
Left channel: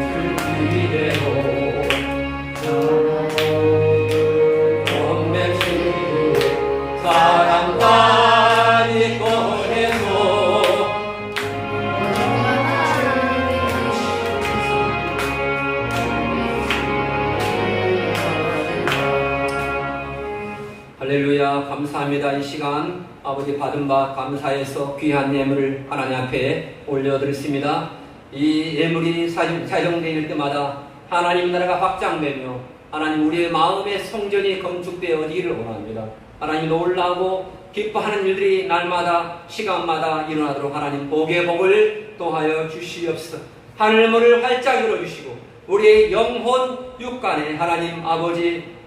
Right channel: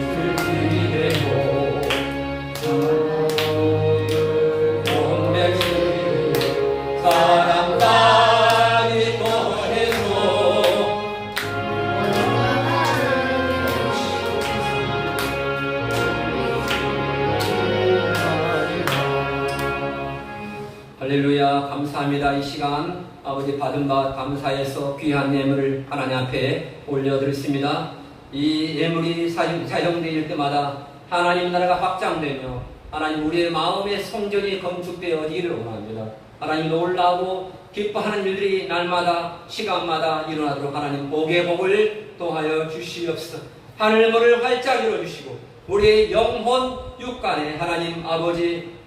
슬기대로 원백시에 사랑까지 꺼내서 할렐루야. 감사합니다. 이 시간 아버지 받은 바 감사해서 귀한 예물을 하나님 앞에 올려드렸습니다. 이 예물이 사용될 때마다 하나님 나라가 확장되며 하나님 우리의 마음의 성전이 건축되어지기를 원합니다. 하나님 놀라고 기뻐하는 일들이 날마다 시간마다 일어나도록 하나님 복의 복을 또하여 주시옵소서. 하늘문을 활짝 열어주시고 우리의 영혼 육간에 하나님 아버지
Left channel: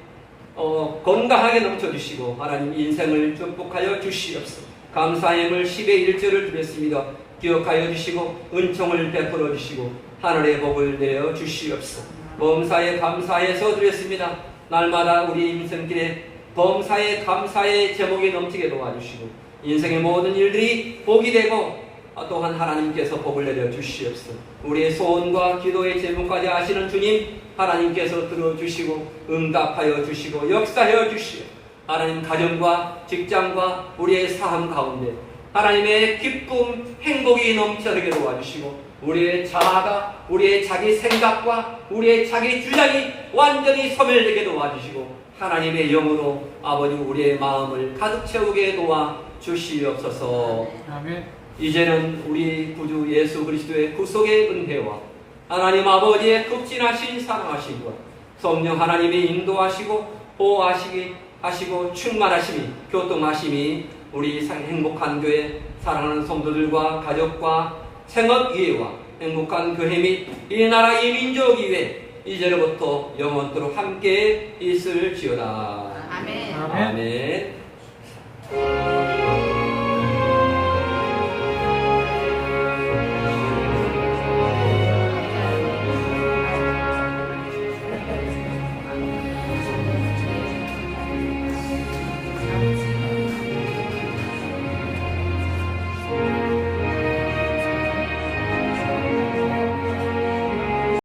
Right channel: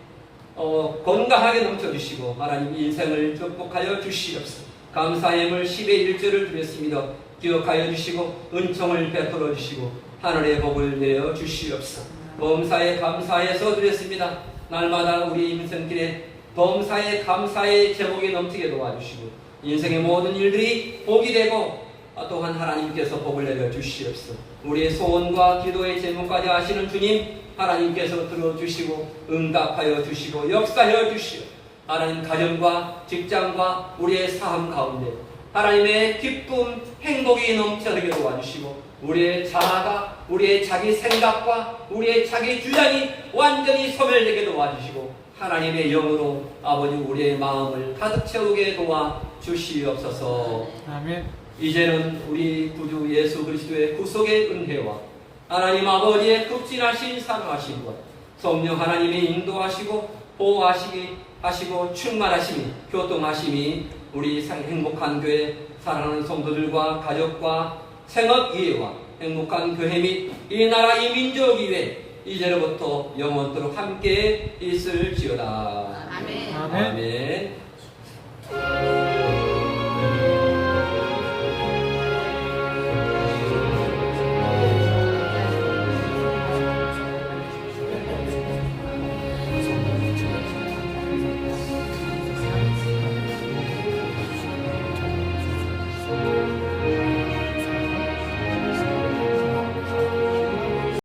건강하게 넘쳐주시고 하나님 인생을 축복하여 주시옵소서. 감사의 예물 10의 1절을 드렸습니다. 기억하여 주시고 은총을 베풀어 주시고 하늘의 복을 내려 주시옵소서. 범사에 감사해서 드렸습니다. 날마다 우리 인생길에 범사에 감사의 제목이 넘치게 도와주시고 인생의 모든 일들이 복이 되고 또한 하나님께서 복을 내려 주시옵소서. 우리의 소원과 기도의 제목까지 아시는 주님 하나님께서 들어주시고 응답하여 주시고 역사하여 주시고 하나님 가정과 직장과 우리의 삶 가운데 하나님의 기쁨 행복이 넘쳐나게 도와주시고 우리의 자아가 우리의 자기 생각과 우리의 자기 주장이 완전히 소멸되게 도와주시고 하나님의 영으로 아버지 우리의 마음을 가득 채우게 도와 주시옵소서. 아멘. 이제는 우리 구주 예수 그리스도의 구속의 은혜와 하나님 아버지의 극진하신 사랑하심과 성령 하나님의 인도하시고 보호하시고 충만하심이 교통하심이 우리 행복한 교회 사랑하는 성도들과 가족과 생업이해와 행복한 교회 및 이 나라 이 민족 이외 이제로부터 영원토록 함께 있을지어다. 아멘. 아멘.